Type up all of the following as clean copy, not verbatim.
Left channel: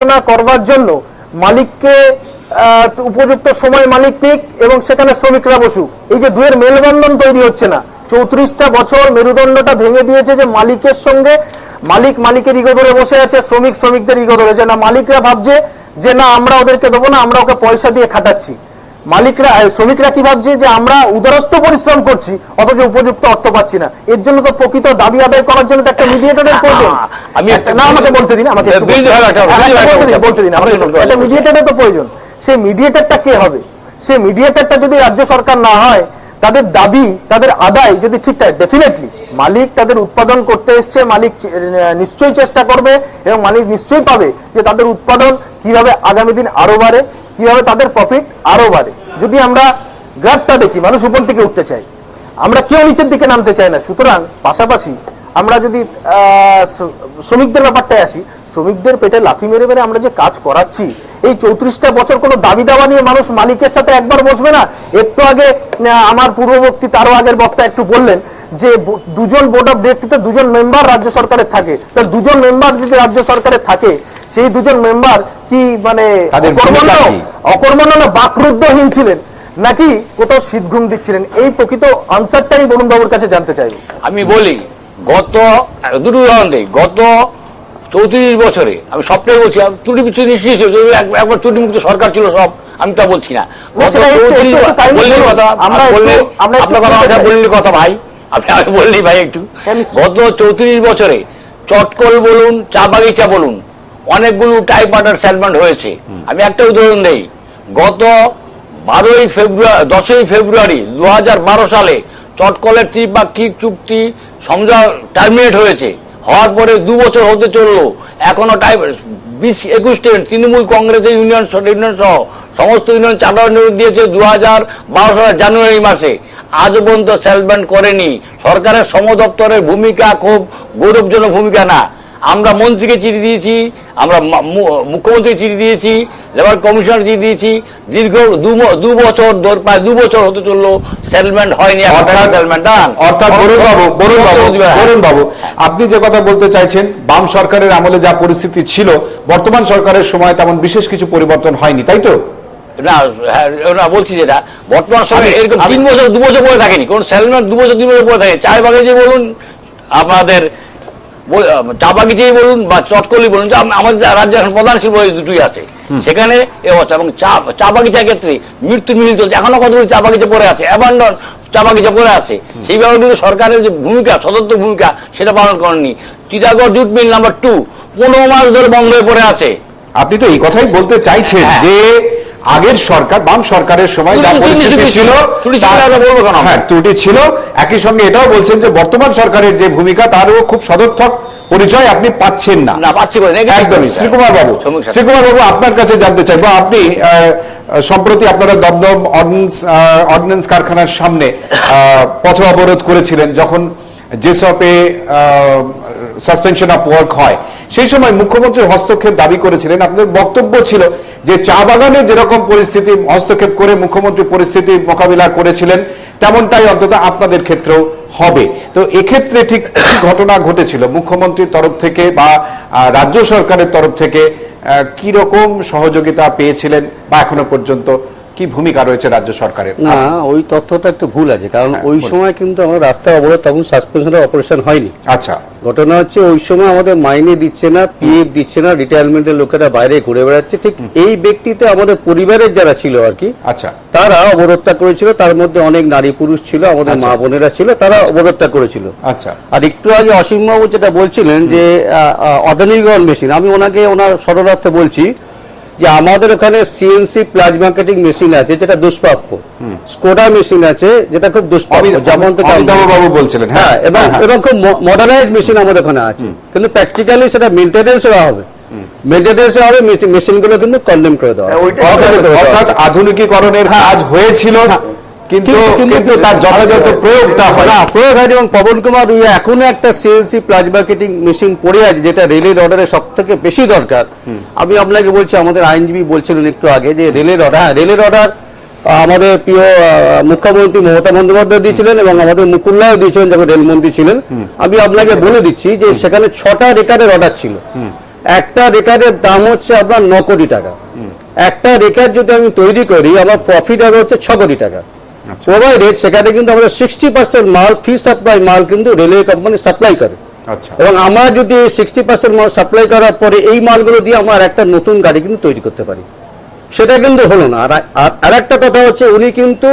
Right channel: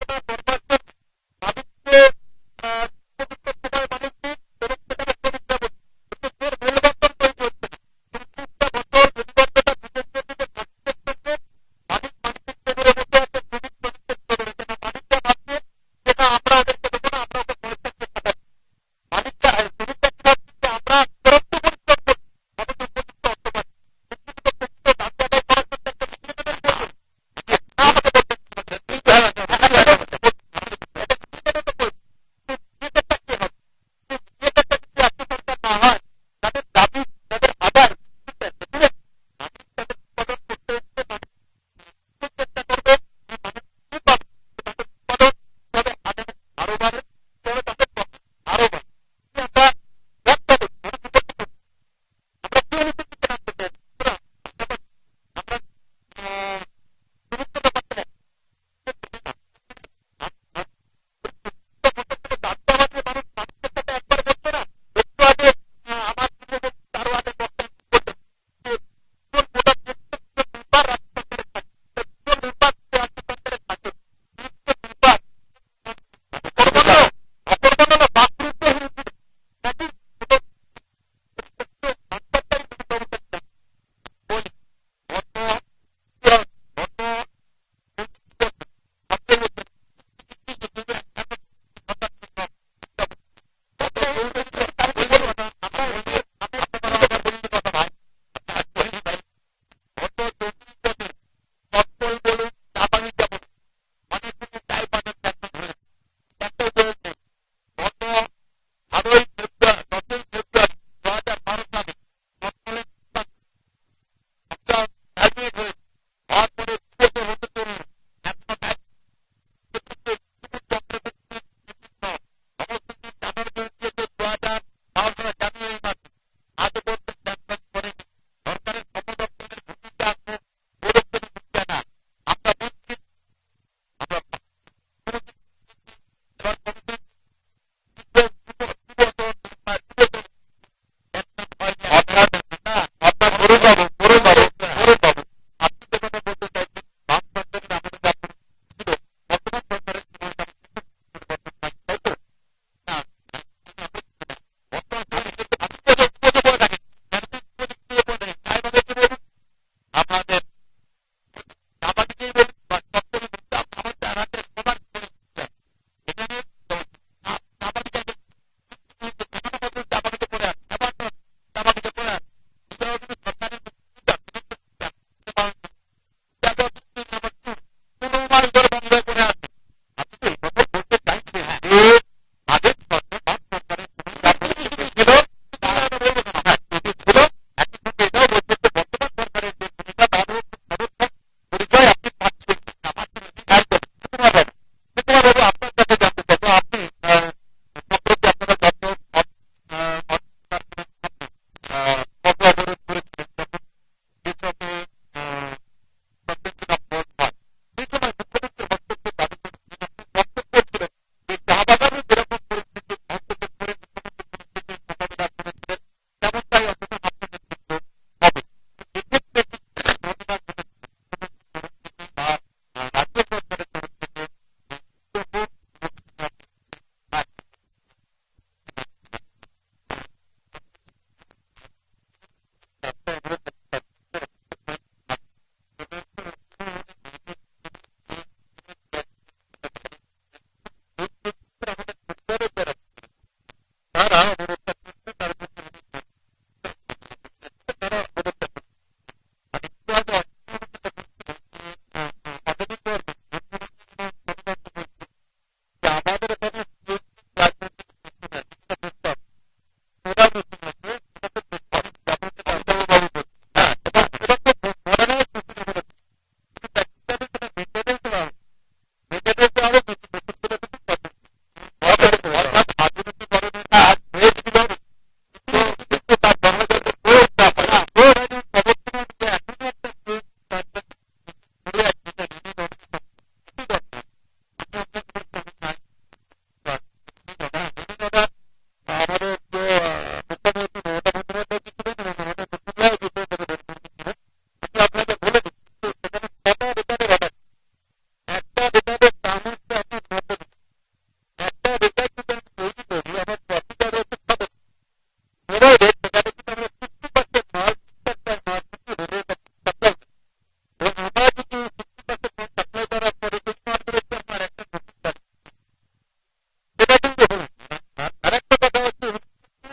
করবার জন্য মালিককে উপযুক্ত সময় মালিক নিক এবং সেখানে শ্রমিকরা বসুক। এই যে দুয়ের মেলবন্ধন তৈরি হচ্ছে না, 34টা বছর মেরুদণ্ডটা ভেঙে দিয়েছে যে মালিকের সঙ্গে মালিকের ইগো ধরে বসে আছে, শ্রমিকদের ইগো ধরে, যে না মালিকরা ভাবছে যে না আমরা ওদেরকে দেবো না, আমরা ওকে পয়সা দিয়ে খাটাচ্ছি। শ্রমিকরা কি ভাবছে যে আমরা উদারস্থ পরিশ্রম করছি অথচ উপযুক্ত অর্থ পাচ্ছি না। এর জন্য তো প্রকৃত দাবি আদায় করার জন্য একটা মিডিয়েটরের প্রয়োজন। আমাকে বলতে দিন, একটা মিডিয়েটরের তো প্রয়োজন। সেই মিডিয়েটরটা কে হবে? সেই মিডিয়েটরটা যদি রাজ্য সরকার না হয়, তাদের দাবি তাদের আদায় যদি ঠিক থাকে, ডেফিনেটলি মালিক তাদের উৎপাদন করতে এসছে, মালিক নিশ্চয়ই চেষ্টা করবে এবং মালিক নিশ্চয়ই পাবে যে তাদের উৎপাদন কিভাবে আগামী দিন আরো বাড়ে, কিভাবে তাদের প্রফিট আরো বাড়ে। যদি আমরা গ্রাফটা দেখি, মানুষ উপর থেকে উঠতে চাই, আমরা কেউ নিচের দিকে নামতে চাই না। সুতরাং পাশাপাশি আমরা যদি শ্রমিকদের ব্যাপারটায় আসি, শ্রমিকদের পেটে লাথি মেরে মেরে আমরা যে কাজ করাচ্ছি, এই 34টা বছর কোনো দাবি দাওয়া নিয়ে মানুষ মালিকের সাথে একবার বসবে না। একটু আগে আমার পূর্ববর্তী তারও আগের বক্তা একটু বললেন যে দুজন বোর্ড অফ ডিরেক্টর, দুজন মেম্বার রাজ্য সরকারের থাকে, তার দুজন মেম্বার যদি রাজ্য সরকারের থাকে, সেই দুজন মেম্বার কি মানে অকর্মণ্য না বাকরুদ্ধহীন ছিলেন নাকি কোথাও শীত ঘুম দিচ্ছিলেন? এই প্রকৃত আনসারটাই বরুণ বাবুর কাছে জানতে চাইবো। আমি বলি, গত দুটো উদাহরণ দিই, গত 34 বছরে আমি সবটাই বলছি, ত্রুটি বিচ্ছুতি নিশ্চিত একবার ত্রুটি মুক্ত সরকার ছিল সব, আমি তা বলছি না। গত 34 কথা বললি কথা ভাই, আপনি বললি ভাই একটু, গত 34 বছরে চটকল বলুন, চা বাগিচা বলুন, অনেকগুলো টাইপ ওয়াটার সেটেলমেন্ট হয়েছে। আমি একটা উদাহরণ দেই, গত 10ই ফেব্রুয়ারি 2012 সালে চটকলের ত্রিপাক্ষিক চুক্তি সমঝোতা টার্মিনেট হয়েছে, হওয়ার পরে 2 বছর হতে চললো, এখনো টাইপ 20-21 তৃণমূল কংগ্রেসের ইউনিয়ন সহ সমস্ত ইউনিয়ন চার্টার দিয়েছে 2012 সালের জানুয়ারি মাসে, আজ পর্যন্ত সেটেলমেন্ট করেনি। সরকারের শ্রম দপ্তরের ভূমিকা খুব গৌরবজনক ভূমিকা না। আমরা মন্ত্রীকে চিঠি দিয়েছি, আমরা মুখ্যমন্ত্রী চিঠি দিয়েছি, লেবার কমিশনার চিঠি দিয়েছি, দীর্ঘ 2 বছর প্রায় 2 বছর হতে চললো, সেটেলমেন্ট হয়নি। অর্থাৎ বরুণ বাবু, আপনি যে কথা বলতে চাইছেন, বাম সরকারের আমলে যা পরিস্থিতি ছিল, বর্তমান সরকারের সময় তেমন বিশেষ কিছু পরিবর্তন হয়নি, তাই তো? না বলছি যেটা বর্তমান সময় এরকম 3 বছর 2 বছর পরে থাকেনি, কোন সেটেলমেন্ট 2 বছর 3 বছর পরে থাকে। চায় বাগিচে বলুন, আপনাদের চা বাগিচাই বলুন বা চটকলি বলুন, আমাদের রাজ্যে এখন প্রধান শিল্প দুটোই আছে, সেখানে এ অবস্থা। এবং চা বাগিচার ক্ষেত্রে মৃত্যু মিল চলছে, এখনো কতগুলি চা বাগিচা পড়ে আছে, অ্যাবান্ডন চা বাগিচা পড়ে আছে। সেই ব্যাপারগুলো সরকারের যে ভূমিকা, সদস্য ভূমিকা, সেটা পালন করেননি। টিটাগড় জুট মিল নাম্বার 2 15 মাস ধরে বন্ধ হয়ে পড়ে আছে। আপনি তো এই কথাই বলতে চাইছেন যে আগের সরকার, বাম সরকারের সময় যা পরিস্থিতি ছিল, হ্যাঁ ত্রুটি ছিল, একই সঙ্গে এটাও বলছেন যে বর্তমান সরকারের যে ভূমিকা তারও খুব সদর্থক পরিচয় আপনি পাচ্ছেন না। একদমই। শ্রীকুমার বাবু, আপনার কাছে জানতে চাইবো, আপনি সম্প্রতি আপনারা দমদম অর্ডিন্যান্স কারখানার সামনে পথ অবরোধ করেছিলেন যখন যেসবে সাসপেনশন অফ ওয়ার্ক হয়, সেই সময় মুখ্যমন্ত্রীর হস্তক্ষেপ দাবি করেছিলেন। আপনাদের বক্তব্য ছিল যে চা বাগানে যেরকম পরিস্থিতি হস্তক্ষেপ করে মুখ্যমন্ত্রী পরিস্থিতি মোকাবিলা করেছিলেন, তেমনটাই অন্তত আপনাদের ক্ষেত্রেও হবে। তো এক্ষেত্রে ঠিক কি ঘটনা ঘটেছিল মুখ্যমন্ত্রীর তরফ থেকে বা রাজ্য সরকারের তরফ থেকে? কি রকম সহযোগিতা পেয়েছিলেন বা এখনো পর্যন্ত কি ভূমিকা রয়েছে রাজ্য সরকারের? না, ওই তথ্যটা একটু ভুল আছে, কারণ ওই সময় কিন্তু আমরা রাস্তায় অবরোধ, তখন সাসপেনশনের অপারেশন হয়নি। আচ্ছা, ঘটনা হচ্ছে ওই সময় আমাদের মাইনে দিচ্ছে না, পিএফ দিচ্ছে না, রিটায়ারমেন্টের লোকেরা বাইরে ঘুরে বেড়াচ্ছে। ঠিক এই ব্যক্তিতে আমাদের পরিবারের যারা ছিল আর কি, আচ্ছা, তারা অবরোধটা করেছিল। তার মধ্যে অনেক নারী পুরুষ ছিল, আমাদের মা বোনেরা ছিল, তারা অবরোধটা করেছিল। আচ্ছা। আর একটু আগে অসীম বাবু যেটা বলছিলেন যে আধুনিকরণ মেশিন, আমি ওনার সরলার্থে বলছি যে আমাদের ওখানে সিএনসি প্লাজমা কাটিং মেশিন আছে যেটা দুষ্প্রাপ্য, স্কোডা মেশিন আছে যেটা খুব দুষ্প্রাপ্য, যেমন বাবু বলছিলেন, হ্যাঁ, এবং খুব মডার্নাইজ মেশিন আমাদের ওখানে আছে, কিন্তু প্র্যাকটিক্যালি সেটা মেইনটেনেন্স হবে, মেশিনগুলো কিন্তু কন্ডেম করে দেওয়া, অর্থাৎ আধুনিকীকরণের কাজ হয়েছিল কিন্তু তার যথাযথ প্রয়োগটা হয় না, প্রয়োগ হয়নি। এবং পবন কুমার এখনো একটা সিএনসি প্লাজমা কাটিং মেশিন পড়ে আছে যেটা রেলের অর্ডারে সব থেকে বেশি দরকার। আমি আপনাকে বলছি, আমাদের আইনজীবী বলছিলেন একটু আগে যে রেলের অর্ডার আমাদের প্রিয় মুখ্যমন্ত্রী মমতা বন্দ্যোপাধ্যায় দিয়েছিলেন এবং আমাদের মুকুল্লাও দিয়েছিলেন যখন রেলমন্ত্রী ছিলেন। আমি আপনাকে বলে দিচ্ছি যে সেখানে 6টা রেকারের অর্ডার ছিল, একটা রেকারের দাম হচ্ছে আপনার 9 কোটি টাকা। একটা রেকার যদি আমি তৈরি করি আমার প্রফিট হবে হচ্ছে 6 কোটি টাকা প্রোভাইডেড সেখানে কিন্তু আমরা 60% মাল ফ্রি সাপ্লাই মাল কিন্তু রেলওয়ে কোম্পানি সাপ্লাই করে। আচ্ছা, এবং আমরা যদি 60% মাল সাপ্লাই করার পরে এই মালগুলো দিয়ে আমরা একটা নতুন গাড়ি কিন্তু তৈরি করতে পারি, সেটা কিন্তু হলো না। আর একটা কথা হচ্ছে উনি কিন্তু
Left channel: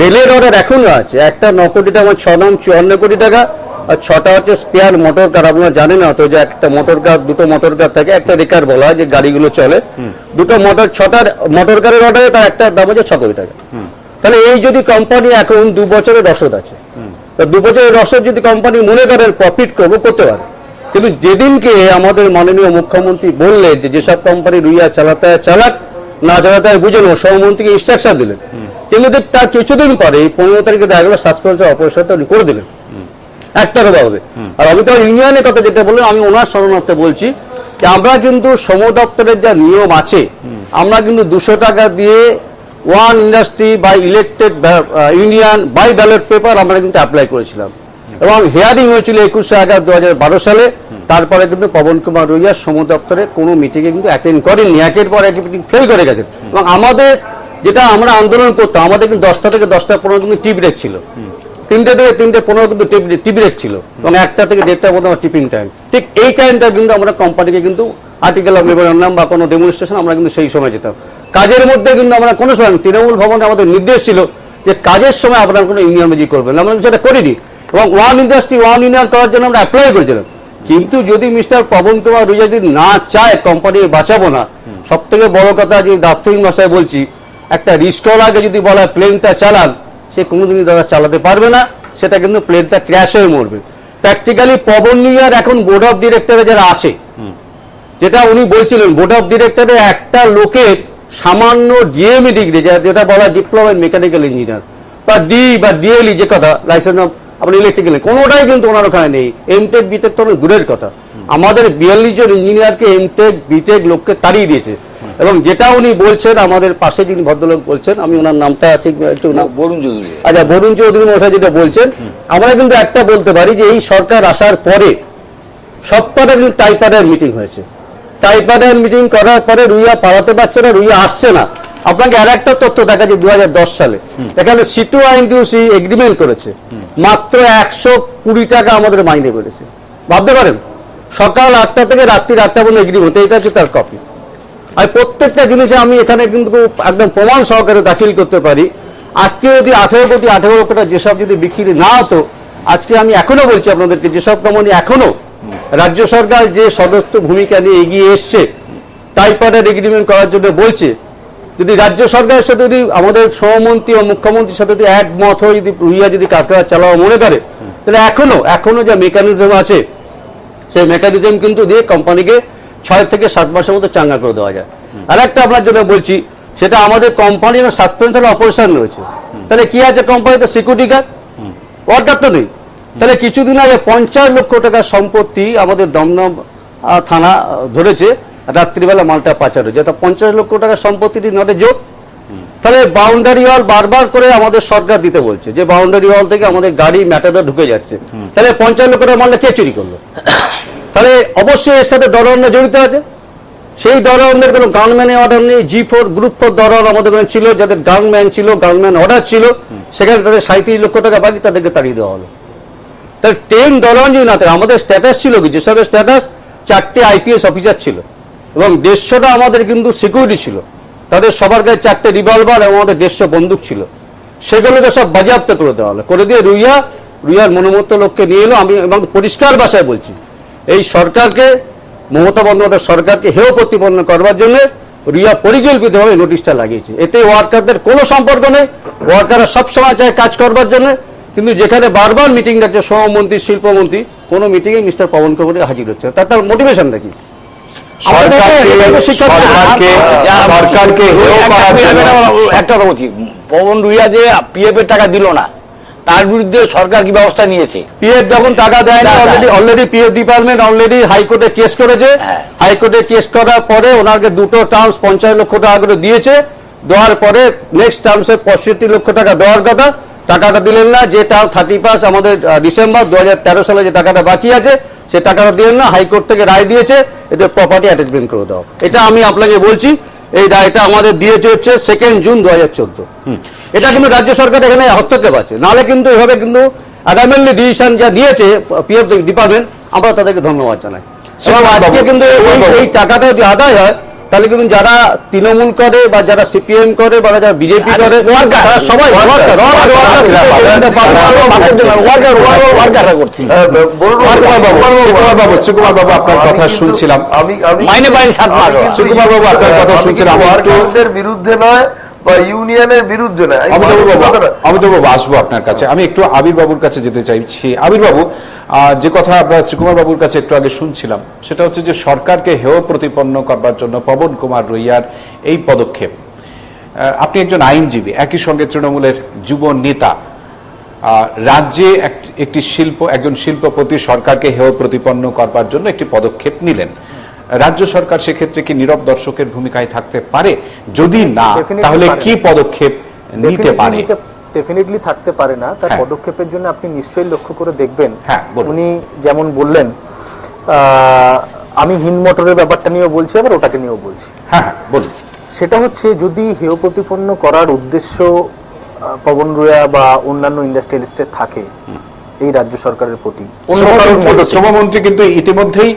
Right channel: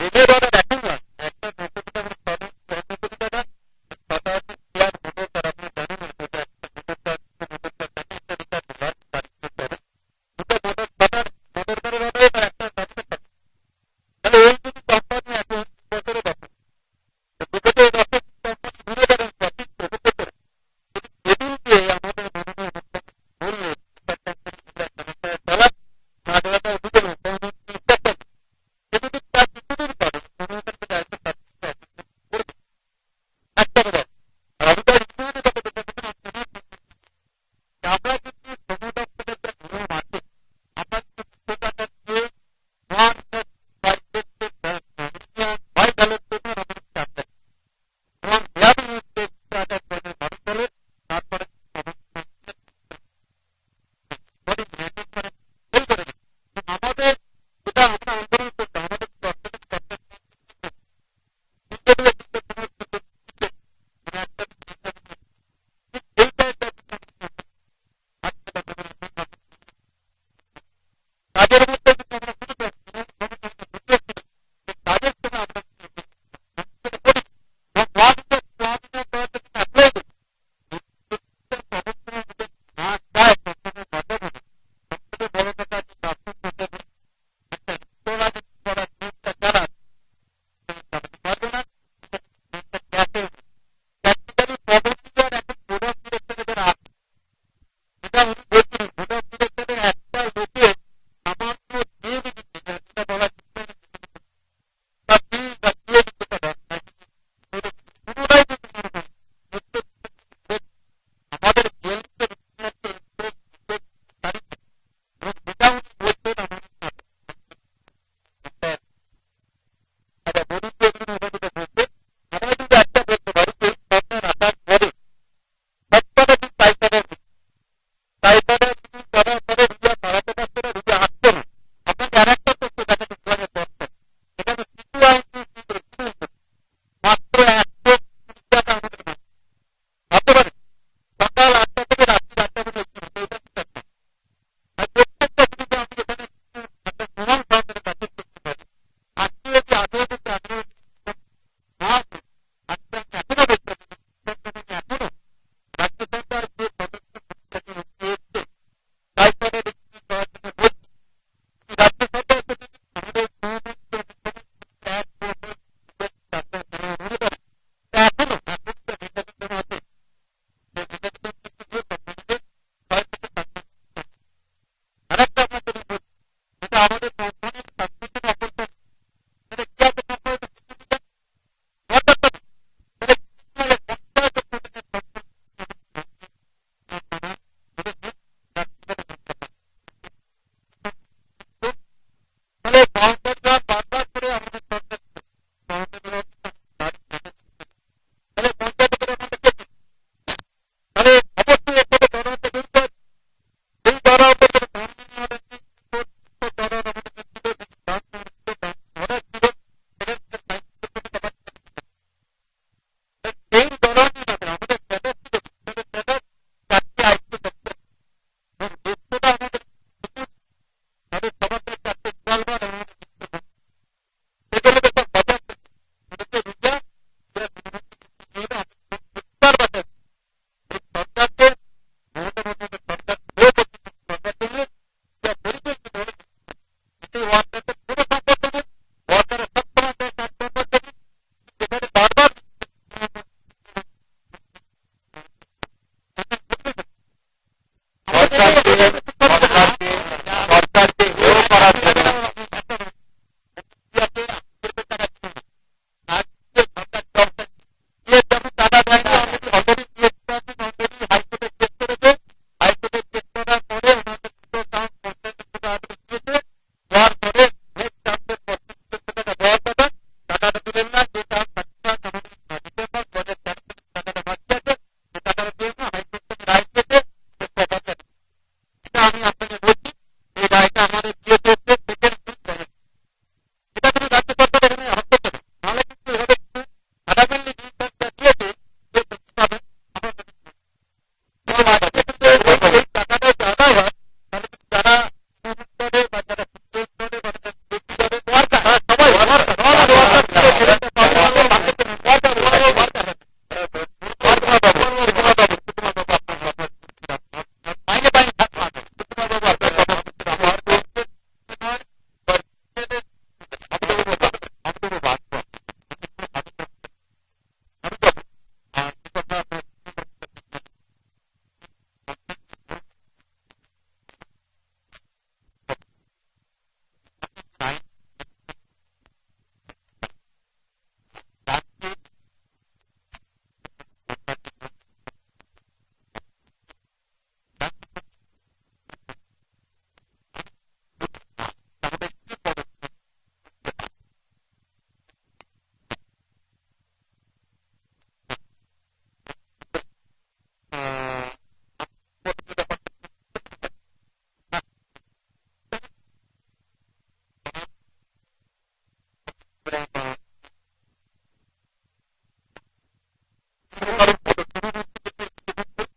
রেলের অর্ডার এখনো আছে, একটা 9 কোটি টাকা, 6 নাম 54 কোটি টাকা, আর 6টা হচ্ছে স্পেয়ার মোটর কার। আপনারা জানেন না তো যে একটা মোটর কার, দুটো মোটর কার থাকে, একটা রেকার বলা হয় যে গাড়িগুলো চলে, দুটো মোটর, 6টা মোটর কারের অর্ডারে তার একটা দাম হচ্ছে 6 কোটি টাকা। তাহলে এই যদি কোম্পানি এখন 2 বছরের রসদ আছে, তো 2 বছরের রসদ যদি কোম্পানি মনে করেন প্রফিট করতে পারে, কিন্তু যেদিনকে আমাদের মাননীয় মুখ্যমন্ত্রী বললেন যে যেসব কোম্পানি রুইয়া চালাতে চালাক, না চালাতে বুঝে নেব, সহমন্ত্রীকে ইনস্ট্রাকশন দিলেন, কিন্তু তার কিছুদিন পরে 15 তারিখে দেখা গেল সাসপেন্সের অপারেশনটা উনি করে দিলেন একটা কথা হবে। আর আমি তো ইউনিয়নের কথা যেটা বললেন, আমি ওনার শরণার্থে বলছি যে আমরা কিন্তু শ্রম দপ্তরের যা নিয়ম আছে, আমরা কিন্তু 200 টাকা দিয়ে one industry by elected union by ballot paper আমরা কিন্তু অ্যাপ্লাই করেছিলাম, এবং হিয়ারিং হয়েছিল 21 আগস্ট 2012 সালে। তারপরে কিন্তু পবন কুমার রুইয়া শ্রম দপ্তরে কোনো মিটিংয়ে কিন্তু অ্যাটেন্ড করেননি, একের পর এক মিটিং ফেল করে গেছেন। এবং আমাদের যেটা আমরা আন্দোলন করতাম, আমাদের কিন্তু 10টা থেকে 10টা 15 কিন্তু টি ব্রেক ছিল, 3টে থেকে 3টে 15 কিন্তু টি ব্রেক ছিল, এবং 1টা থেকে 1:30 পর্যন্ত টিফিন টাইম। ঠিক এই টাইমটা কিন্তু আমরা কোম্পানিকে কিন্তু আর্টিকেল অফ মেমোরান্ডাম বা কোনো ডেমনস্ট্রেশন আমরা কিন্তু সেই সময় যেতাম। কাজের মধ্যে কিন্তু আমরা কোনো সময়, তৃণমূল ভবনে আমাদের নির্দেশ ছিল যে কাজের সময় আপনারা কোনো ইউনিয়ন মেজি করবেন, আমরা সেটা করিনি। এবং ওয়ান ইন্ডাস্ট্রি ওয়ান ইউনিয়ন করার জন্য আমরা অ্যাপ্লাই করেছিলাম, কিন্তু যদি মিস্টার পবন কুমার রুইয়া যদি না চায় কোম্পানি বাঁচাবো না, সব থেকে বড় কথা যে দাপ্তরিক ভাষায় বলছি, একটা রিস্কওয়ালাকে যদি বলা প্লেনটা চালান, সে কোনোদিনই তারা চালাতে পারবে না, সেটা কিন্তু প্লেনটা ক্র্যাশ হয়ে মরবে। প্র্যাকটিক্যালি পবন রুইয়ার এখন বোর্ড অফ ডিরেক্টরে যারা আছে, যেটা উনি বলছিলেন, বোর্ড অফ ডিরেক্টরে একটা লোকের সামান্য ডিএমই ডিগ্রি, যেটা বলা ডিপ্লোমা ইন মেকানিক্যাল ইঞ্জিনিয়ার বা বা ডিএলই, যে কথা লাইসেন্স অফ আপনার ইলেকট্রিক্যাল, কোনোটাই কিন্তু ওনার ওখানে নেই। এমটেক বিটেক তো অনেক দূরের কথা, আমাদের 42 জন ইঞ্জিনিয়ারকে এমটেক বিটেক লোককে তাড়িয়ে দিয়েছে। এবং যেটা উনি বলছেন, আমাদের পাশে যিনি ভদ্রলোক বলছেন, আমি ওনার নামটা ঠিক একটু বরুণ চৌধুরী, আচ্ছা বরুণ চৌধুরী মশাই যেটা বলছেন, আমরা কিন্তু একটা বলতে পারি যে এই সরকার আসার পরে সবকটা কিন্তু টাইপারের মিটিং হয়েছে। টাইপারের মিটিং করার পরে রুইয়া পালাতে পারছে না, রুইয়া আসছে না। আপনাকে আর একটা তথ্য দেখা যে 2010 সালে এখানে সিটু আইনটিউসি এগ্রিমেন্ট করেছে, মাত্র 120 টাকা আমাদের মাইনে বেড়েছে। ভাবতে পারেন, সকাল 8টা থেকে রাত্রি 8টা পর্যন্ত এগ্রিমেন্ট, এটা হচ্ছে তার কপি। আর প্রত্যেকটা জিনিসে আমি এখানে কিন্তু একদম প্রমাণ সহকারে দাখিল করতে পারি। আজকে যদি 18 কোটি 18 লক্ষ টাকা যেসব যদি বিক্রি না হতো, আজকে আমি এখনো বলছি আপনাদেরকে, যেসব কোম্পানি এখনো রাজ্য সরকার যে সদস্য ভূমিকা নিয়ে এগিয়ে এসছে টাইপারের এগ্রিমেন্ট করার জন্য বলছে, যদি রাজ্য সরকারের সাথে যদি আমাদের সহমন্ত্রী ও মুখ্যমন্ত্রীর সাথে যদি একমত হয়ে যদি রুইয়া যদি কারখানা চালাও মনে করে, তাহলে এখনো যে মেকানিজম আছে, সেই মেকানিজম কিন্তু দিয়ে কোম্পানিকে 6 থেকে 7 মাসের মধ্যে চাঙ্গা করে দেওয়া যায়। আর একটা আপনার জন্য বলছি, সেটা আমাদের কোম্পানির সাসপেনশন অপারেশন রয়েছে। তাহলে কি আছে কোম্পানিতে? সিকিউরিটি গার্ড, ওয়ার্কার তো নেই। তাহলে কিছুদিন আগে 50 লক্ষ টাকার সম্পত্তি আমাদের দমদম থানা ধরেছে, রাত্রিবেলা মালটা পাচার হয়েছে। তা 50 লক্ষ টাকার সম্পত্তিটি নটে যোগ। তাহলে বাউন্ডারি ওয়াল বারবার করে আমাদের সরকার দিতে বলছে যে বাউন্ডারি ওয়াল থেকে আমাদের গাড়ি ম্যাটাডোর ঢুকে যাচ্ছে। তাহলে 50 লক্ষ টাকার মালটা কে চুরি করলো? তাহলে অবশ্যই এর সাথে দরওয়ানা জড়িত আছে। সেই দরওয়ানের কোনো গানম্যানের অর্ডার নেই। G4 গ্রুপ 4 দরওয়ান আমাদের ছিল, যাদের গানম্যান ছিল, গানম্যান অর্ডার ছিল, সেখানে তাদের 37 লক্ষ টাকা বাকি তাদেরকে তাড়িয়ে দেওয়া হলো। তাহলে 10 দরওয়ান যদি না থাকে, আমাদের স্ট্যাটাস ছিল কি? যেসব স্ট্যাটাস 4টে IPS অফিসার ছিল এবং 150টা আমাদের কিন্তু সিকিউরিটি ছিল, তাদের সবার কাছে 4টে রিভলভার এবং আমাদের 150 বন্দুক ছিল। সেগুলোকে সব বাজেয়াপ্ত করে দেওয়া হলো, করে দিয়ে রুইয়ার মনোমত লোককে নিয়ে এলো। আমি এবং পরিষ্কার ভাষায় বলছি, এই সরকারকে, মমতা বন্দ্যোপাধ্যায় সরকারকে হেয় প্রতিপন্ন করবার জন্য রুইয়া পরিকল্পিতভাবে নোটিশটা লাগিয়েছে। এতে ওয়ার্কারদের কোনো সম্পর্ক নেই, ওয়ার্কাররা সবসময় চায় কাজ করবার জন্য, কিন্তু যেখানে বারবার মিটিং ডাকছে সহমন্ত্রী, শিল্পমন্ত্রী, কোনো মিটিংয়ে মিস্টার পবন কুমার হাজির হচ্ছে। তার মোটিভেশনটা কি? একটা কথা বলছি, পবন রুইয়া যে PF এর টাকা দিল না, তার বিরুদ্ধে সরকার কি ব্যবস্থা নিয়েছে? PF যখন টাকা দেয় না, অলরেডি PF ডিপার্টমেন্ট অলরেডি হাইকোর্টে কেস করেছে। হাইকোর্টে কেস করার পরে ওনাকে দুটো টার্মস 50 লক্ষ টাকা করে দিয়েছে। দেওয়ার পরে নেক্সট টার্মসে 65 লক্ষ টাকা দেওয়ার কথা, টাকাটা দিলেন না, যে তার 31 আমাদের ডিসেম্বর 2013 সালে যে টাকাটা বাকি আছে সে টাকাটা দিলেন না, হাইকোর্ট থেকে রায় দিয়েছে এদের প্রপার্টি অ্যাটাচমেন্ট করে দাও। এটা আমি আপনাকে বলছি, এই রায়টা আমাদের দিয়েছে হচ্ছে 2 জুন 2014। এটা কিন্তু রাজ্য সরকার এখানে হস্তক্ষেপ আছে, নাহলে কিন্তু এভাবে কিন্তু অ্যাডামেন্টলি ডিসিশন যা নিয়েছে পিএফ ডিপার্টমেন্ট, আমরা তাদেরকে ধন্যবাদ জানাই। এবং আজকে কিন্তু এই টাকাটা যদি আদায় হয় তাহলে কিন্তু যারা তৃণমূল করে বা যারা সিপিএম করে বা যারা বিজেপি করে তারা সবাই শ্রীকুমার বাবু আপনার কথা শুনছিলাম, মাইনে পাইনি 7 মাস। শ্রীকুমার বাবু আপনার কথা শুনছিলাম, আমি একটু বিরুদ্ধে নয় বা ইউনিয়নের বিরুদ্ধে নয়। অমিতাভ বাবু আসবো আপনার কাছে, আমি একটু আবির বাবুর কাছে যেতে চাইছি। আবির বাবু, যে কথা আমরা শ্রীকুমার বাবুর কাছে একটু আগে শুনছিলাম সেটা হচ্ছে যে সরকারকে হেয় প্রতিপন্ন করবার জন্য পবন কুমার রুইয়ার এই পদক্ষেপ। আপনি একজন আইনজীবী, একই সঙ্গে তৃণমূলের যুব নেতা, রাজ্যে একজন শিল্পপতি সরকারকে হেয় প্রতিপন্ন করবার জন্য একটি পদক্ষেপ নিলেন। রাজ্য সরকার সেক্ষেত্রে কি নীরব দর্শকের ভূমিকায় থাকতে পারে? যদি না, তাহলে কি পদক্ষেপ নিতে পারে? ডেফিনেটলি থাকতে পারে না। তার পদক্ষেপের জন্য আপনি নিশ্চয়ই লক্ষ্য করে দেখবেন, উনি যেমন বললেন, আমি হিন্দ মোটরের ব্যাপারটা নিয়েও বলছি, আবার ওটাকে নিয়েও বলছি। হ্যাঁ বলুন। সেটা হচ্ছে, যদি হেয় প্রতিপন্ন করার উদ্দেশ্য পবন রুয়া বা অন্যান্য ইন্ডাস্ট্রিয়ালিস্টের থাকে এই রাজ্য সরকারের প্রতি, শ্রমমন্ত্রী কিন্তু ইতিমধ্যেই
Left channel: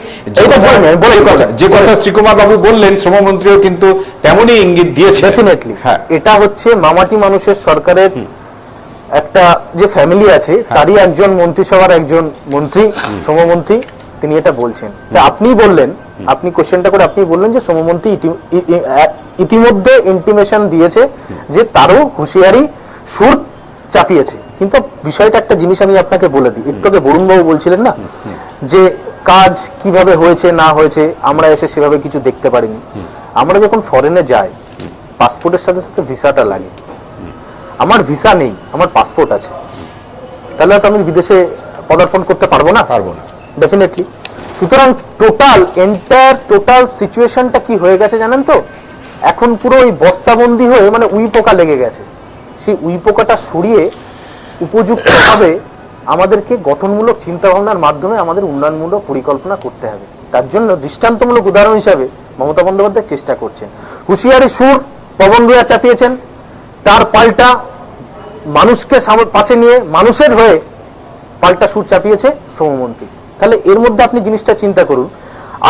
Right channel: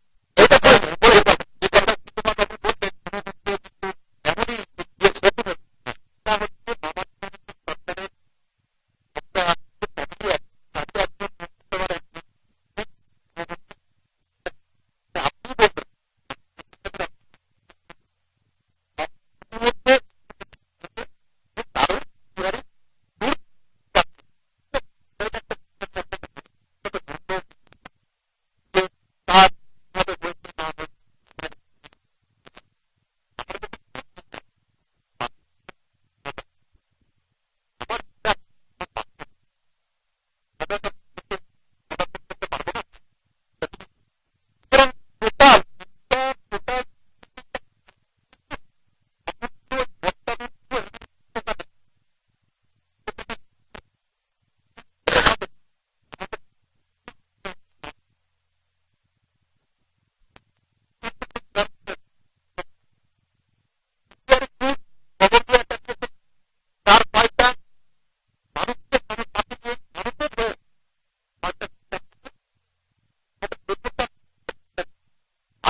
যে কথা শ্রীকুমার বাবু বললেন, শ্রমমন্ত্রীও কিন্তু তেমনই ইঙ্গিত দিয়েছে। ডেফিনেটলি এটা হচ্ছে মামাটি মানুষের সরকারের একটা যে ফ্যামিলি আছে তারই একজন মন্ত্রিসভার একজন মন্ত্রী, শ্রমমন্ত্রী, তিনি এটা বলছেন। আপনি বললেন, আপনি কোশ্চেনটা করে আপনি বললেন যে শ্রমমন্ত্রী ইতিমধ্যে ইন্টিমেশন দিয়েছে যে তারও হুঁশিয়ারি সুর চাপিয়েছে। কিন্তু বিষয়টা একটা জিনিস আমি আপনাকে বলে দিই, একটু আগে বরুণবাবু বলছিলেন না যে কাজ কিভাবে হয়েছে না হয়েছে আমরা এসে সেভাবে কিছু দেখতে পারিনি। আমরা যখন ফরেনে যাই পাসপোর্টের সাথে সাথে ভিসাটা লাগে। আমার ভিসা নেই, আমার পাসপোর্ট আছে, তাহলে তো আমি বিদেশে পদার্পণ করতে পারবো না? ডেফিনেটলি। সুতরাং টোটাল সিচুয়েশনটা কি হয়ে গেছে জানেন তো? এখন পুরো ওই বস্তাবন্দি হয়ে মানে উই পোকা লেগে গেছে। সেই উই পোকাটা সরিয়ে উপযুক্তভাবে আমাদেরকে গঠনমূলক চিন্তা ভাবনার মাধ্যমে আমাদের উন্নয়নমূলক পরিকল্পনা করতে হবে। তার জন্য দৃষ্টান্তমূলক উদাহরণ হিসাবে মমতা বন্দ্যোপাধ্যায় চেষ্টা করছেন। হুঁশিয়ারি সুর পবন রুয়া চাপিয়েছেন, তার পাল্টা মানুষকে পাশে নিয়ে মানুষের হয়ে পাল্টা সুর চাপিয়েছে শ্রমমন্ত্রী। তাহলে এর মধ্যে আপনি জিনিসটা চিন্তা করুন,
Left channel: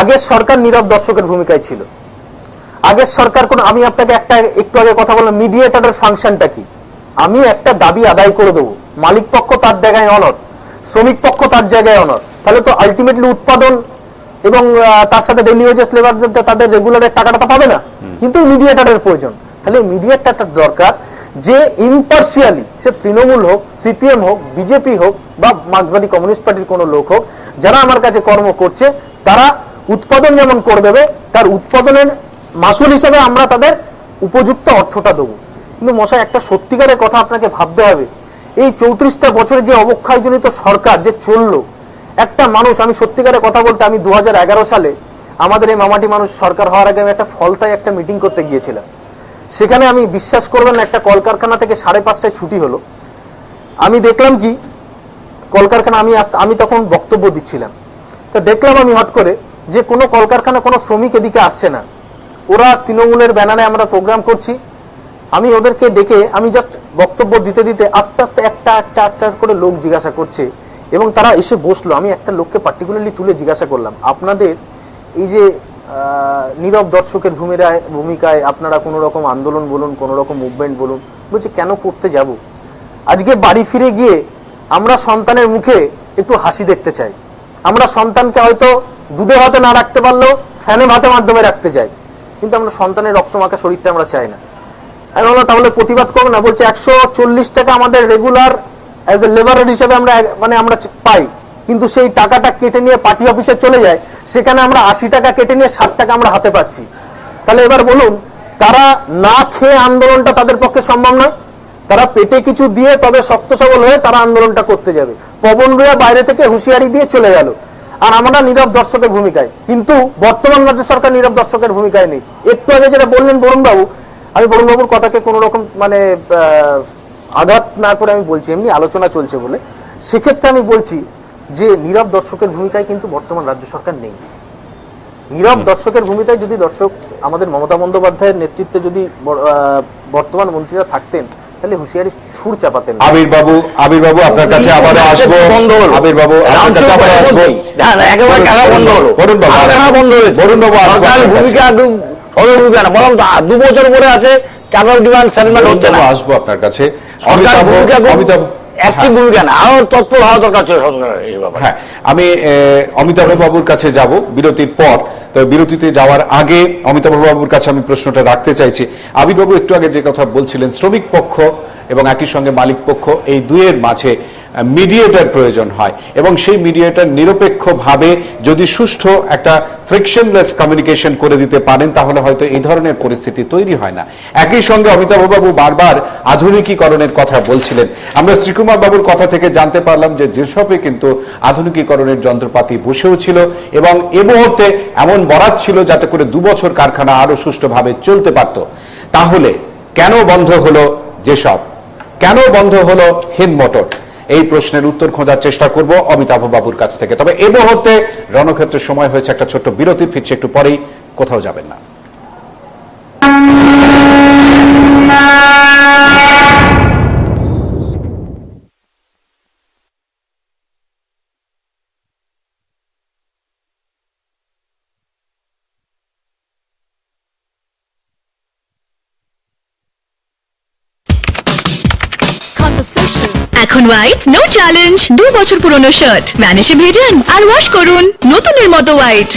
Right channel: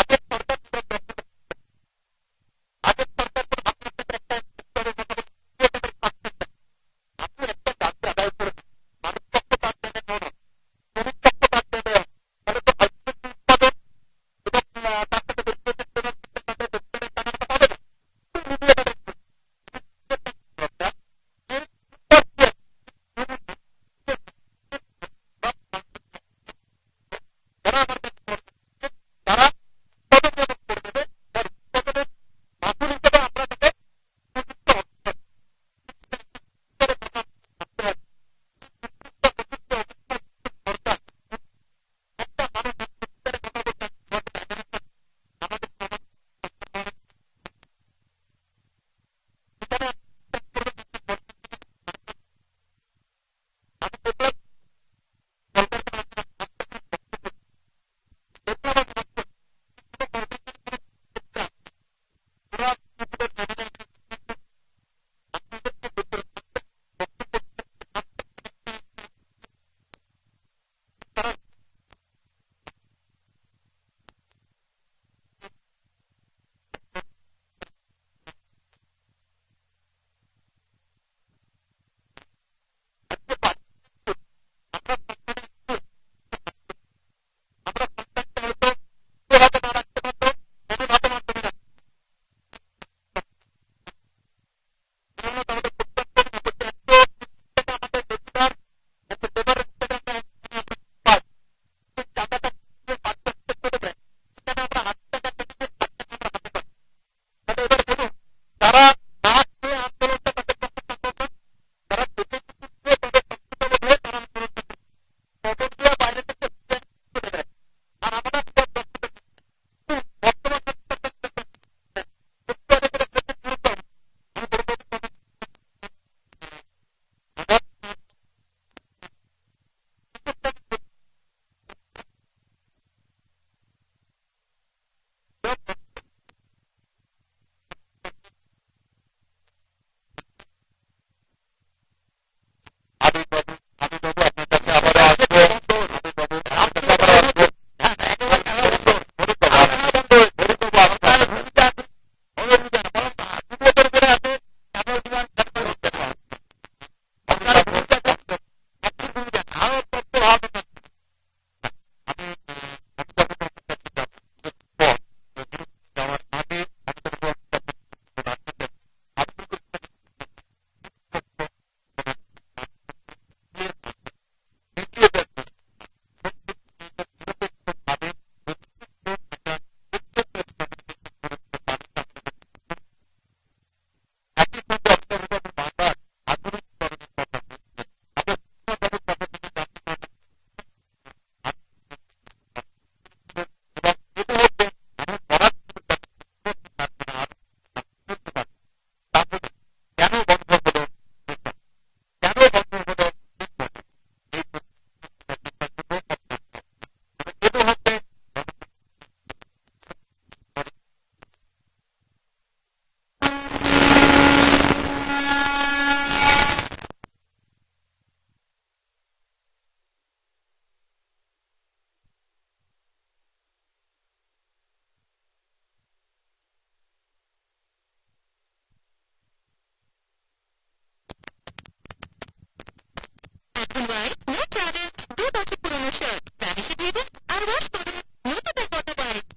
আগের সরকার নীরব দর্শকের ভূমিকায় ছিল। আগের সরকার আমি আপনাকে একটু আগে কথা বললাম, মিডিয়েটরের ফাংশনটা কি? আমি একটা দাবি আদায় করে দেবো, মালিক পক্ষ তার জায়গায় অনর, শ্রমিক পক্ষ তার জায়গায় অনর, তাহলে তো আলটিমেটলি উৎপাদন এবং তার সাথে ডেইলি ওয়েজেস লেবার তাদের রেগুলারের টাকাটা পাবে না। কিন্তু মিডিয়েটরের প্রয়োজন। তাহলে মিডিয়েটরটা দরকার যে ইম্পার্শিয়ালি, সে তৃণমূল হোক, সিপিএম হোক, বিজেপি হোক বা মার্ক্সবাদী কমিউনিস্ট পার্টির কোনো লোক হোক, যারা আমার কাছে কর্ম করছে তারা উৎপাদন যেমন করে দেবে, তার উৎপাদনের মাসুল হিসেবে আমরা তাদের উপযুক্ত অর্থটা দেবো। কিন্তু মশাই, একটা সত্যিকারের কথা আপনাকে ভাবতে হবে, এই 34টা বছরের যে অবক্ষয়জনিত সরকার যে চললো, একটা মানুষ, আমি সত্যিকারের কথা বলতে, আমি 2011 সালে আমাদের এই মামাটি মানুষ সরকার হওয়ার আগে আমি একটা ফলতায় একটা মিটিং করতে গিয়েছিলাম। সেখানে আমি বিশ্বাস করবেন না, একটা কলকারখানা থেকে 5:30টায় ছুটি হলো। আমি দেখলাম কি কলকারখানা, আমি তখন বক্তব্য দিচ্ছিলাম, তো দেখলাম আমি হট করে যে কোনো কলকারখানা কোনো শ্রমিক এদিকে আসছে না। ওরা তৃণমূলের ব্যানারে আমরা প্রোগ্রাম করছি, আমি ওদেরকে ডেকে আমি জাস্ট বক্তব্য দিতে দিতে আস্তে আস্তে একটা করে লোক জিজ্ঞাসা করছে এবং তারা এসে বসলো। আমি একটা লোককে পার্টিকুলারলি তুলে জিজ্ঞাসা করলাম, আপনাদের এই যে নীরব দর্শকের ভূমিকায় আপনারা কোনো রকম আন্দোলন বলুন, কোনো রকম মুভমেন্ট বলুন, বলছে কেন করতে যাব? আজকে বাড়ি ফিরে গিয়ে আমরা সন্তানের মুখে একটু হাসি দেখতে চাই। আমরা সন্তানকে হয়তো দুধে ভাতে না রাখতে পারলেও ফ্যানে ভাতের মাধ্যমে রাখতে চাই, কিন্তু আমরা সন্তানের রক্তমাখা শরীরটা আমরা চাই না। আমি বললাম তাহলে প্রতিবাদ করবো না? বলছে 140 টাকা আমাদের রেগুলার অ্যাজ এ লেবারের হিসেবে আমরা পাই, কিন্তু সেই টাকাটা কেটে নিয়ে পার্টি অফিসে চলে যায়, সেখানে আমরা 80 টাকা কেটে নিয়ে 60 টাকা আমরা হাতে পাচ্ছি। তাহলে এবার বলুন, তারা না খেয়ে আন্দোলনটা তাদের পক্ষে সম্ভব নয়? তারা পেটে কিছু দিয়ে তবে শক্ত সবল হয়ে তারা আন্দোলনটা করতে যাবে। পবন রুয়া বাইরে থেকে হুঁশিয়ারি দিয়ে চলে গেল, আর আমরা নীরব দর্শকের ভূমিকায়। কিন্তু বর্তমান রাজ্য সরকার নীরব দর্শকের ভূমিকায় নেই। একটু আগে যেটা বললেন বরুণবাবু, আমি বরুণবাবুর কথাকে কোন রকম আঘাত না করে আমি বলছি, এমনি আলোচনা চলছে বলে, সেক্ষেত্রে আমি বলছি যে নীরব দর্শকের ভূমিকায় কিন্তু বর্তমান রাজ্য সরকার নেই। নীরব দর্শকের ভূমিকায় যদি দর্শক আমাদের মমতা বন্দ্যোপাধ্যায়ের নেতৃত্বে যদি বর্তমান মন্ত্রীরা থাকতেন, তাহলে হুঁশিয়ারি সুর চাপাতেন। আবির বাবু আপনার কাছে আবারও আসবো। আবির বাবু আপনার কাছে আবারও আসবো। একেবারে কেন বন্ধ হলো? বরুণ বাবু বন্ধ হয়েছে। বরুণ বাবু আসবো সরকারের আপনার কাছে। ভূমিকা একদম ভূমিকা না, বরং 2 বছর পরে আছে, চারবার ডিমান্ড সেটেলমেন্ট হচ্ছে না। আসবো আপনার কাছে। সরকারের ভূমিকা অমিতাভ একটি ভূমিকা না, আরো তৎপর হওয়া দরকার ছিল সরকারের এই ব্যাপারে। হ্যাঁ, আমি অমিতাভ বাবুর কাছে যাব বিরতির পর। তো বিরতিতে যাওয়ার আগে অমিতাভ বাবুর কাছে আমি প্রশ্নটা রাখতে চাইছি। আবির বাবু একটু আগে যে কথা বলছিলেন, শ্রমিক পক্ষ এবং একই সঙ্গে মালিক পক্ষ, এই দুয়ের মাঝে মিডিয়েটর প্রয়োজন হয়, এবং সেই মিডিয়েটর নিরপেক্ষভাবে যদি সুষ্ঠু একটা ফ্রিকশনলেস কমিউনিকেশন করে দিতে পারেন, তাহলে হয়তো এই ধরনের পরিস্থিতি তৈরি হয় না। একই সঙ্গে অমিতাভ বাবু বারবার আধুনিকীকরণের কথা বলছিলেন। আমরা শ্রীকুমার বাবুর কথা থেকে জানতে পারলাম যে যেসবে কিন্তু আধুনিকীকরণের যন্ত্রপাতি বসেও ছিল, এবং এ মুহূর্তে এমন বরাত ছিল যাতে করে 2 বছর কারখানা আরো সুষ্ঠুভাবে চলতে পারত। তাহলে কেন বন্ধ হলো যেসব, কেন বন্ধ হলো হিন্দ মোটর? এই প্রশ্নের উত্তর খোঁজার চেষ্টা করব অমিতাভ বাবুর কাছ থেকে। তবে এই মুহূর্তে রণক্ষেত্রের সময় হয়েছে একটা ছোট্ট বিরতির, ফিরছে একটু পরেই, কোথাও যাবেন না। এখন হোয়াইট নো চ্যালেঞ্জ। 2 বছর পুরনো শার্ট ভ্যানিশে ভেজান আর ওয়াশ করুন নতুনের মতো হোয়াইট।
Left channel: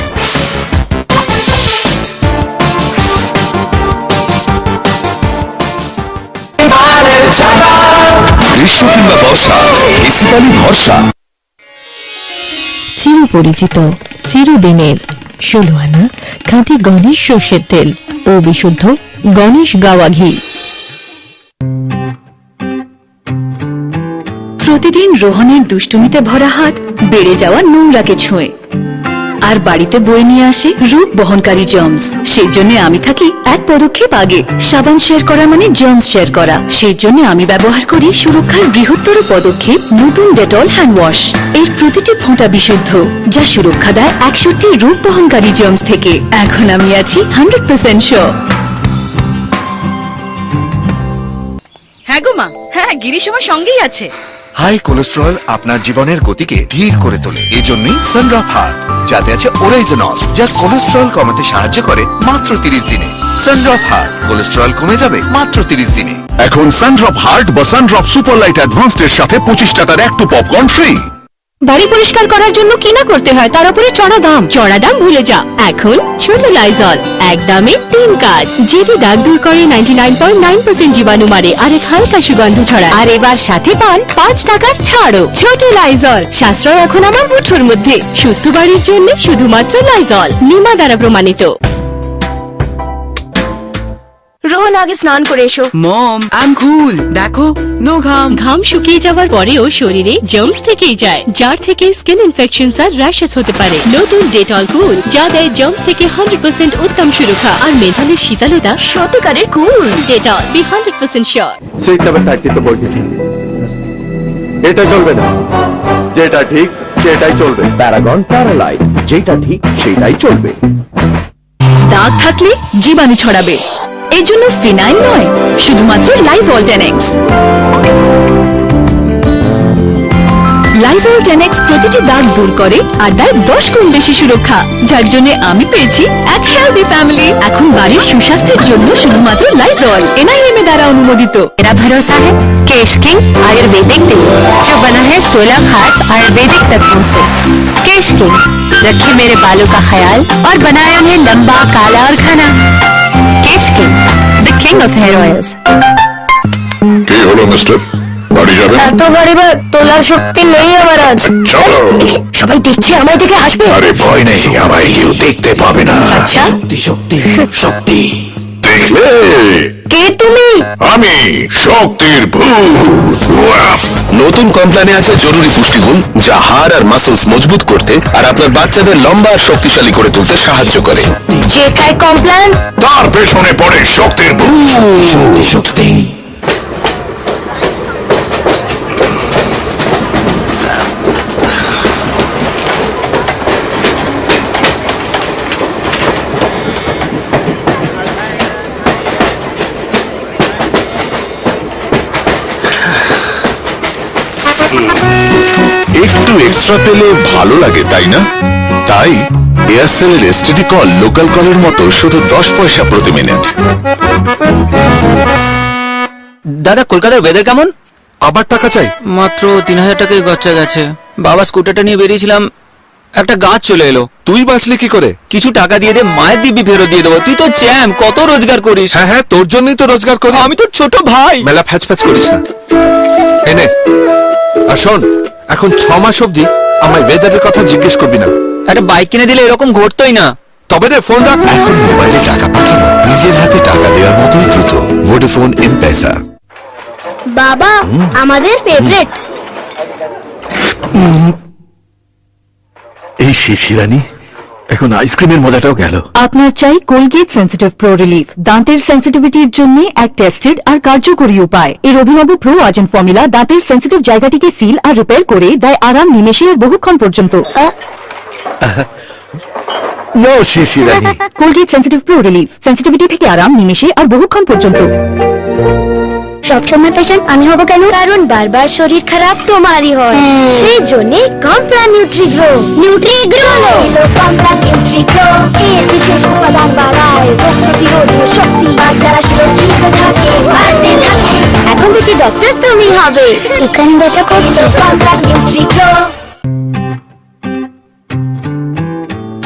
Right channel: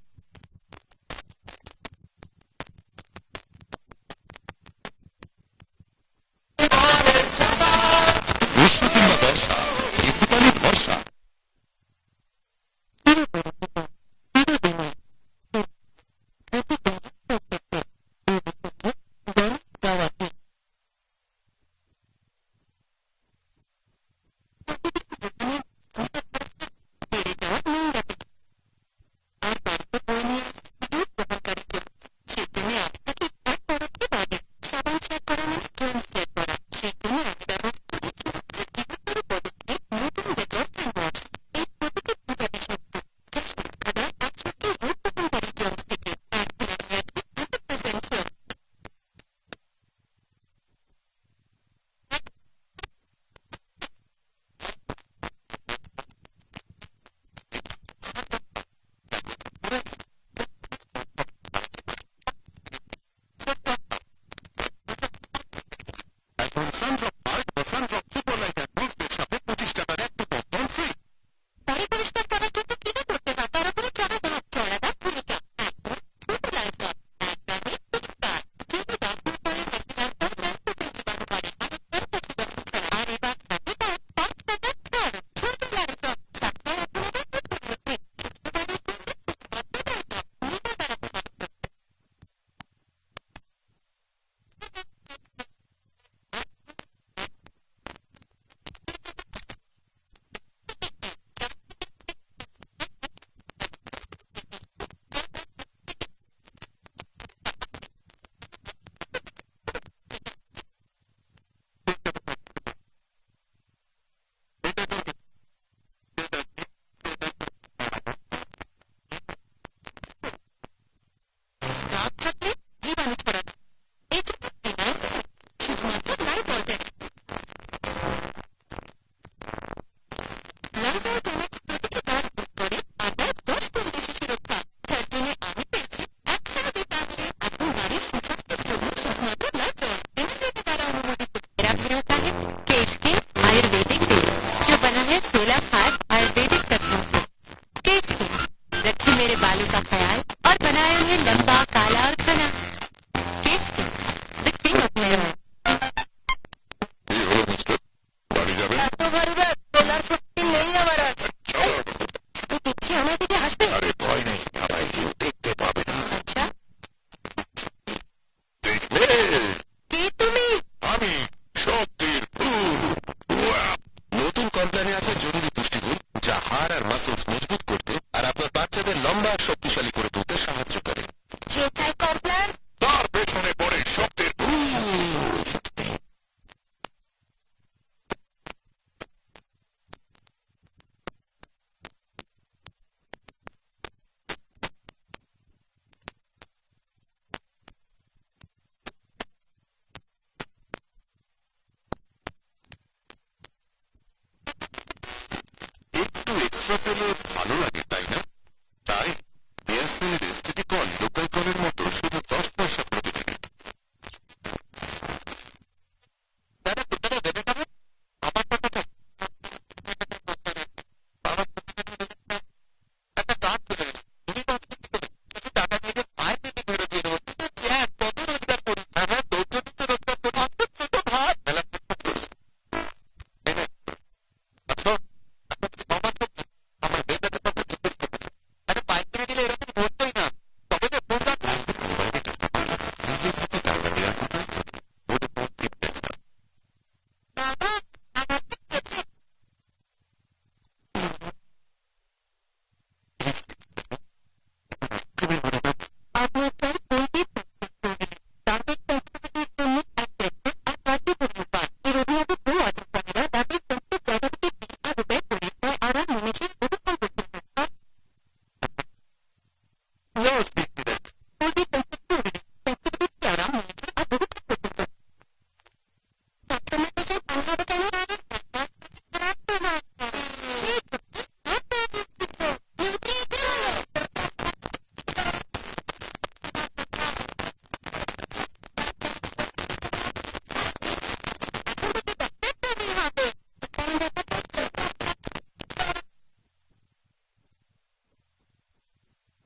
গ্রীষ্ম কিংবা বর্ষা, এসি পালি ভরসা। চিরপরিচিত, চিরদিনের 16 আনা খাঁটি গণেশ সর্ষের তেল ও বিশুদ্ধ গণেশ গাওয়া ঘি। প্রতিদিন রোহনের দুষ্টুমিতে ভরা হাত বেড়ে যাওয়া নোংরাকে ছুঁয়ে, আর বাড়িতে বয়ে নিয়ে আসে রোগ বহনকারী জার্মস। সেই জন্য আমি থাকি এক পদক্ষেপ আগে। সাবান শেয়ার করা মানে জার্মস শেয়ার করা। সেই জন্য আমি ব্যবহার করি সুরক্ষার বৃহত্তর পদক্ষেপ নতুন ডেটল হ্যান্ড ওয়াশ। এর প্রতিটি ফোঁটা বিশুদ্ধ, যা সুরক্ষা দেয় 61টি রোগ বহনকারী জার্মস থেকে। এখন আমি আছি 100% শিওর। হ্যাঁ গো মা, হ্যাঁ গিরিশ আমার সঙ্গেই আছে। হাই কোলেস্টেরল আপনার জীবনের গতিকে ধীর করে তোলে। এই জন্যই সানড্রপ হার্ট, যাতে আছে ওরাইজনল, যা কোলেস্টেরল কমাতে সাহায্য করে মাত্র 30 দিনে। সানড্রপ হার্ট, কোলেস্টেরল কমে যাবে মাত্র 30 দিনে। এখন সানড্রপ হার্ট বা সানড্রপ সুপার লাইট অ্যাডভান্সড এর সাথে 25 টাকার একটু পপকর্ন ফ্রি। বাড়ি পরিষ্কার করার জন্য কি না করতে হয়, তার উপরে চড়া দাম ভুলে যা। এখন ছোট লাইজল, এক দামে 3 কাজ। যেটি দাগ দূর করে, 99.9% জীবাণু মারে, আর এক হালকা সুগন্ধ ছড়ায়। আর এবার সাথে পান 5 টাকার ছাড়ও। ছোট লাইজল, সাশ্রয় এখন আমার মুঠোর মধ্যে। সুস্থ বাড়ির জন্য শুধুমাত্র লাইজল, নিমা দ্বারা প্রমাণিত। রোহন, আগে স্নান করে এসো। মম আই এম কুল, দেখো নো ঘাম। ঘাম শুকিয়ে যাওয়ার পরেও শরীরে জার্মস থেকেই যায়, যার থেকে স্কিন ইনফেকশনস আর র্যাশেস হতে পারে। নতুন ডেটল কুল, যা দেয় জার্মস থেকে 100% উত্তম সুরক্ষা আর মেধালের শীতলতা। সত্যিকারের cool Dettol, be 100% sure. Seat number 30 তো বলতেছি, এটা চলবে না। যেটা ঠিক সেটাই চলবে। প্যারাগন প্যারালাইট, যেটা ঠিক সেটাই চলবে। দাগ থাকলে জীবাণু ছড়াবে, এই জন্য ফিনাইল নয়, শুধুমাত্র লাইজল 10x। লাইজল 10x প্রতিটি দাগ দূর করে আর দেয় 10 গুণ বেশি সুরক্ষা, যার জন্য আমি পেয়েছি এক হেলদি ফ্যামিলি। এখন বাড়ির সুস্বাস্থ্যের জন্য শুধুমাত্র লাইজল, NIM দ্বারা অনুমোদিত। मेरा भरोसा है केश किंग आयुर्वेदिक तेल, जो बना है 16 खास आयुर्वेदिक तत्वों से। केश किंग रखे मेरे बालों का ख्याल और बनाया उन्हें लंबा, काला और घना। Kesh King, the king of hair oils. কি হলো মিস্টার, বাড়ি যাবেন? এত গাড়ি ব্যাগ তোলার শক্তি নেই আমার আজ। চলো। সবাই দেখছে, আমায় দেখে হাসবে। আরে ভয় নেই, আমায় কেউ দেখতে পাবে না। আচ্ছা, শক্তি দেখলে? কে তুমি? আমি শক্তির ভূত। নতুন কমপ্ল্যানে আছে জরুরি পুষ্টিগুণ, যা হাড় আর মাসলস মজবুত করতে আর আপনার বাচ্চাদের লম্বা আর শক্তিশালী করে তুলতে সাহায্য করে। যে খায় কমপ্ল্যান, তার পেছনে পড়ে শক্তির ভূত। একটু এক্সট্রা পেলে ভালো লাগে, তাই না? তাই এয়ারসেলের এসটিডি কল লোকাল কলের মতো শুধু 10 পয়সা প্রতি মিনিট। দাদা, কলকাতার ওয়েদার কেমন? আবার টাকা চাই? মাত্র 3000 টাকায় খরচা গেছে। বাবা স্কুটারটা নিয়ে বেরিয়েছিলাম, একটা গাছ চলে এলো। তুই বাঁচলি কি করে? কিছু টাকা দিয়ে দে, মায়ের দিব্যি ফেরত দিয়ে দেবো। তুই তো চ্যাম্প, কত রোজগার করিস। হ্যাঁ হ্যাঁ, তোর জন্যই তো রোজগার করি। আমি তোর ছোট ভাই। মেলা ফ্যাচ ফ্যাচ করিস না। এনে আর শোন, এখন 6 মাস অব্দি আমায় ওয়েদারের কথা জিজ্ঞেস করবি না। একটা বাইক কিনে দিলে এরকম ঘটতোই না। তবে রে, ফোন রাখ। এখন মোবাইলে টাকা পাঠানো নিজের হাতে টাকা দেওয়ার মতোই দ্রুত। ভোডাফোন এম-পেসা। বাবা, আমাদের ফেভারিট। এই শিশিরানি, এখন আইসক্রিমের মজাটাও গেল। আপনার চাই কোলগেট সেন্সিটিভ প্রো রিলিফ, দাঁতের সেন্সিটিভিটির জন্য এক টেস্টেড আর কার্যকরী উপায়। এর অভিনব প্রো আজেন ফর্মুলা দাঁতের সেন্সিটিভ জায়গাটিকে সিল আর রিপেয়ার করে দেয় আরাম নিমেষে আর বহুক্ষণ পর্যন্ত। নো শিশিরানি। Colgate Sensitive Pro Relief, sensitivity থেকে আরাম নিমেষে আর বহুক্ষণ পর্যন্ত। সবসময় পেশেন্ট আমি হব কেন? কারণ বারবার শরীর খারাপ তোমারই হয়। সেই জন্য কমপ্লান নিউট্রিগ্রো। নিউট্রিগ্রো কমপ্লান নিউট্রিগ্রো এর বিশেষ উপাদান বাড়ায় রোগ প্রতিরোধের শক্তি, আর যারা সুরক্ষিত থাকে বাড়তে থাকছে। এখন থেকে ডক্টর তুমি হবে। এখানে ব্যথা করছে, কমপ্লান নিউট্রিগ্রো।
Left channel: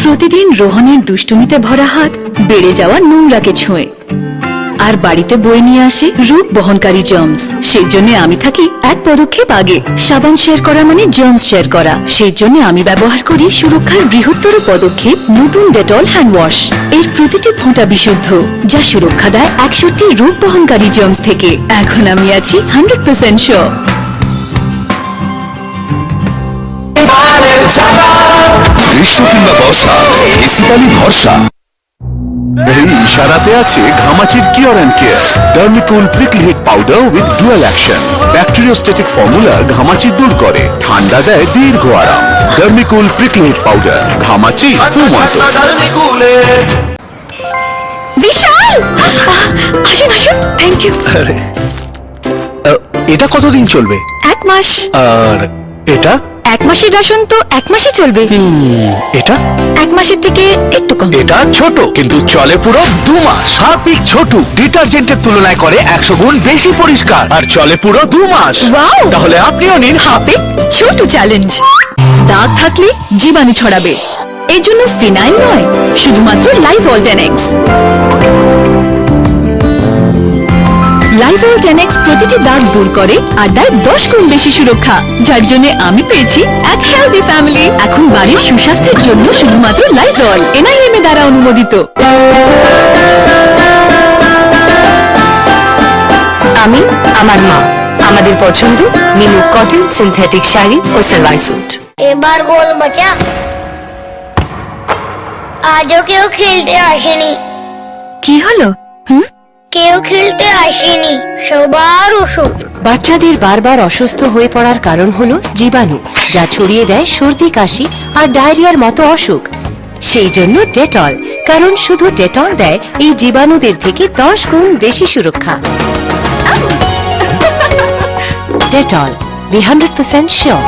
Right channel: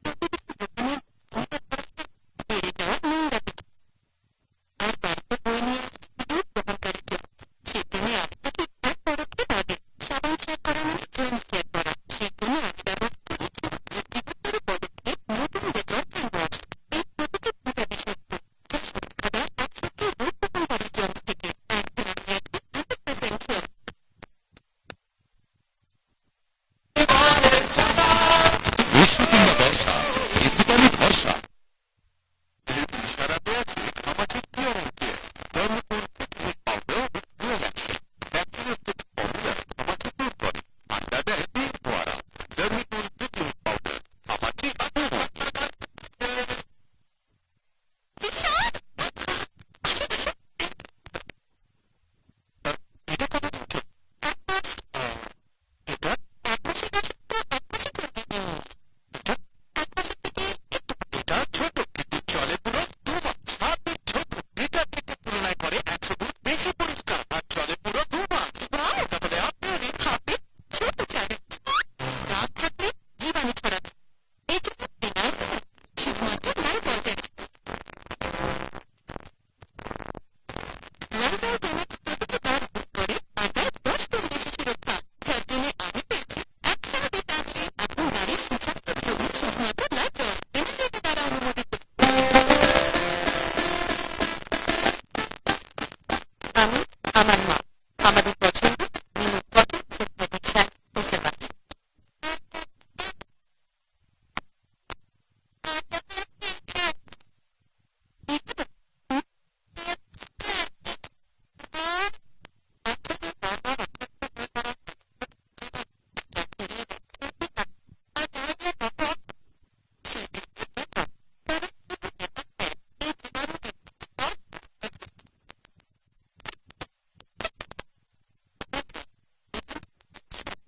প্রতিদিন রোহনের দুষ্টুমিতে ভরা হাত বেড়ে যাওয়া নোংরাকে ছুঁয়ে, আর বাড়িতে বয়ে নিয়ে আসে রূপ বহনকারী জার্মস। সেই জন্য আমি থাকি এক পদক্ষেপ আগে। সাবান শেয়ার করা মানে জার্মস শেয়ার করা। সেই জন্য আমি ব্যবহার করি সুরক্ষার বৃহত্তর পদক্ষেপ নতুন ডেটল হ্যান্ড ওয়াশ। এর প্রতিটি ফোঁটা বিশুদ্ধ, যা সুরক্ষা দেয় 61টি রূপ বহনকারী জার্মস থেকে। এখন আমি আছি 100% শিওর। গ্রীষ্ম কিংবা বর্ষা, এসি পানি ভরসা। এই ইশারাতে আছে ঘামাচির cure and care Dermicool prickly heat powder with dual action. Bacteriostatic formula ঘামাচি দূর করে, ঠান্ডা দেয় দীর্ঘ আরাম। ডার্মিকুল প্রিকল হিট পাউডার, ঘামাচি ফুমন্ত। বিশাল, আসুন আসুন। Thank you. এটা কতদিন চলবে? 1 মাস। আর এটা? 1 মাসের রাশন তো 1 মাসই চলবে। এটা? 1 মাসের থেকে একটু কম। এটা ছোট কিন্তু চলে পুরো 2 মাস। হারপিক ছোট ডিটারজেন্টের তুলনায় করে 100 গুণ বেশি পরিষ্কার আর চলে পুরো 2 মাস। ওয়াও! তাহলে আপনিও নিন হারপিক ছোট চ্যালেঞ্জ। দাগ থাকলে জীবাণু ছড়াবে, এই জন্য ফিনাইল নয়, শুধুমাত্র লাইজল 10X। লাইজল 10X প্রতিটি দাগ দূর করে আর দেয় 10 গুণ বেশি সুরক্ষা, যার জন্য আমি পেয়েছি এক হেলদি ফ্যামিলি। এখন বাড়ির সুস্বাস্থ্যের জন্য শুধুমাত্র লাইজল, NIM দ্বারা অনুমোদিত। আমি, আমার মা, আমাদের পছন্দ মিনু কটন সিনথেটিক শাড়ি ও সালোয়ার স্যুট। এবার গোল বাঁচা। আজও কেউ খেলতে আসেনি। কি হলো? কেউ খেলতে আসেনি, সবার অসুখ। বাচ্চাদের বারবার অসুস্থ হয়ে পড়ার কারণ হলো জীবাণু, যা ছড়িয়ে দেয় সর্দি, কাশি আর ডায়রিয়ার মতো অসুখ। সেই জন্য ডেটল, কারণ শুধু ডেটল দেয় এই জীবাণুদের থেকে 10 গুণ বেশি সুরক্ষা। Dettol, be 100% sure.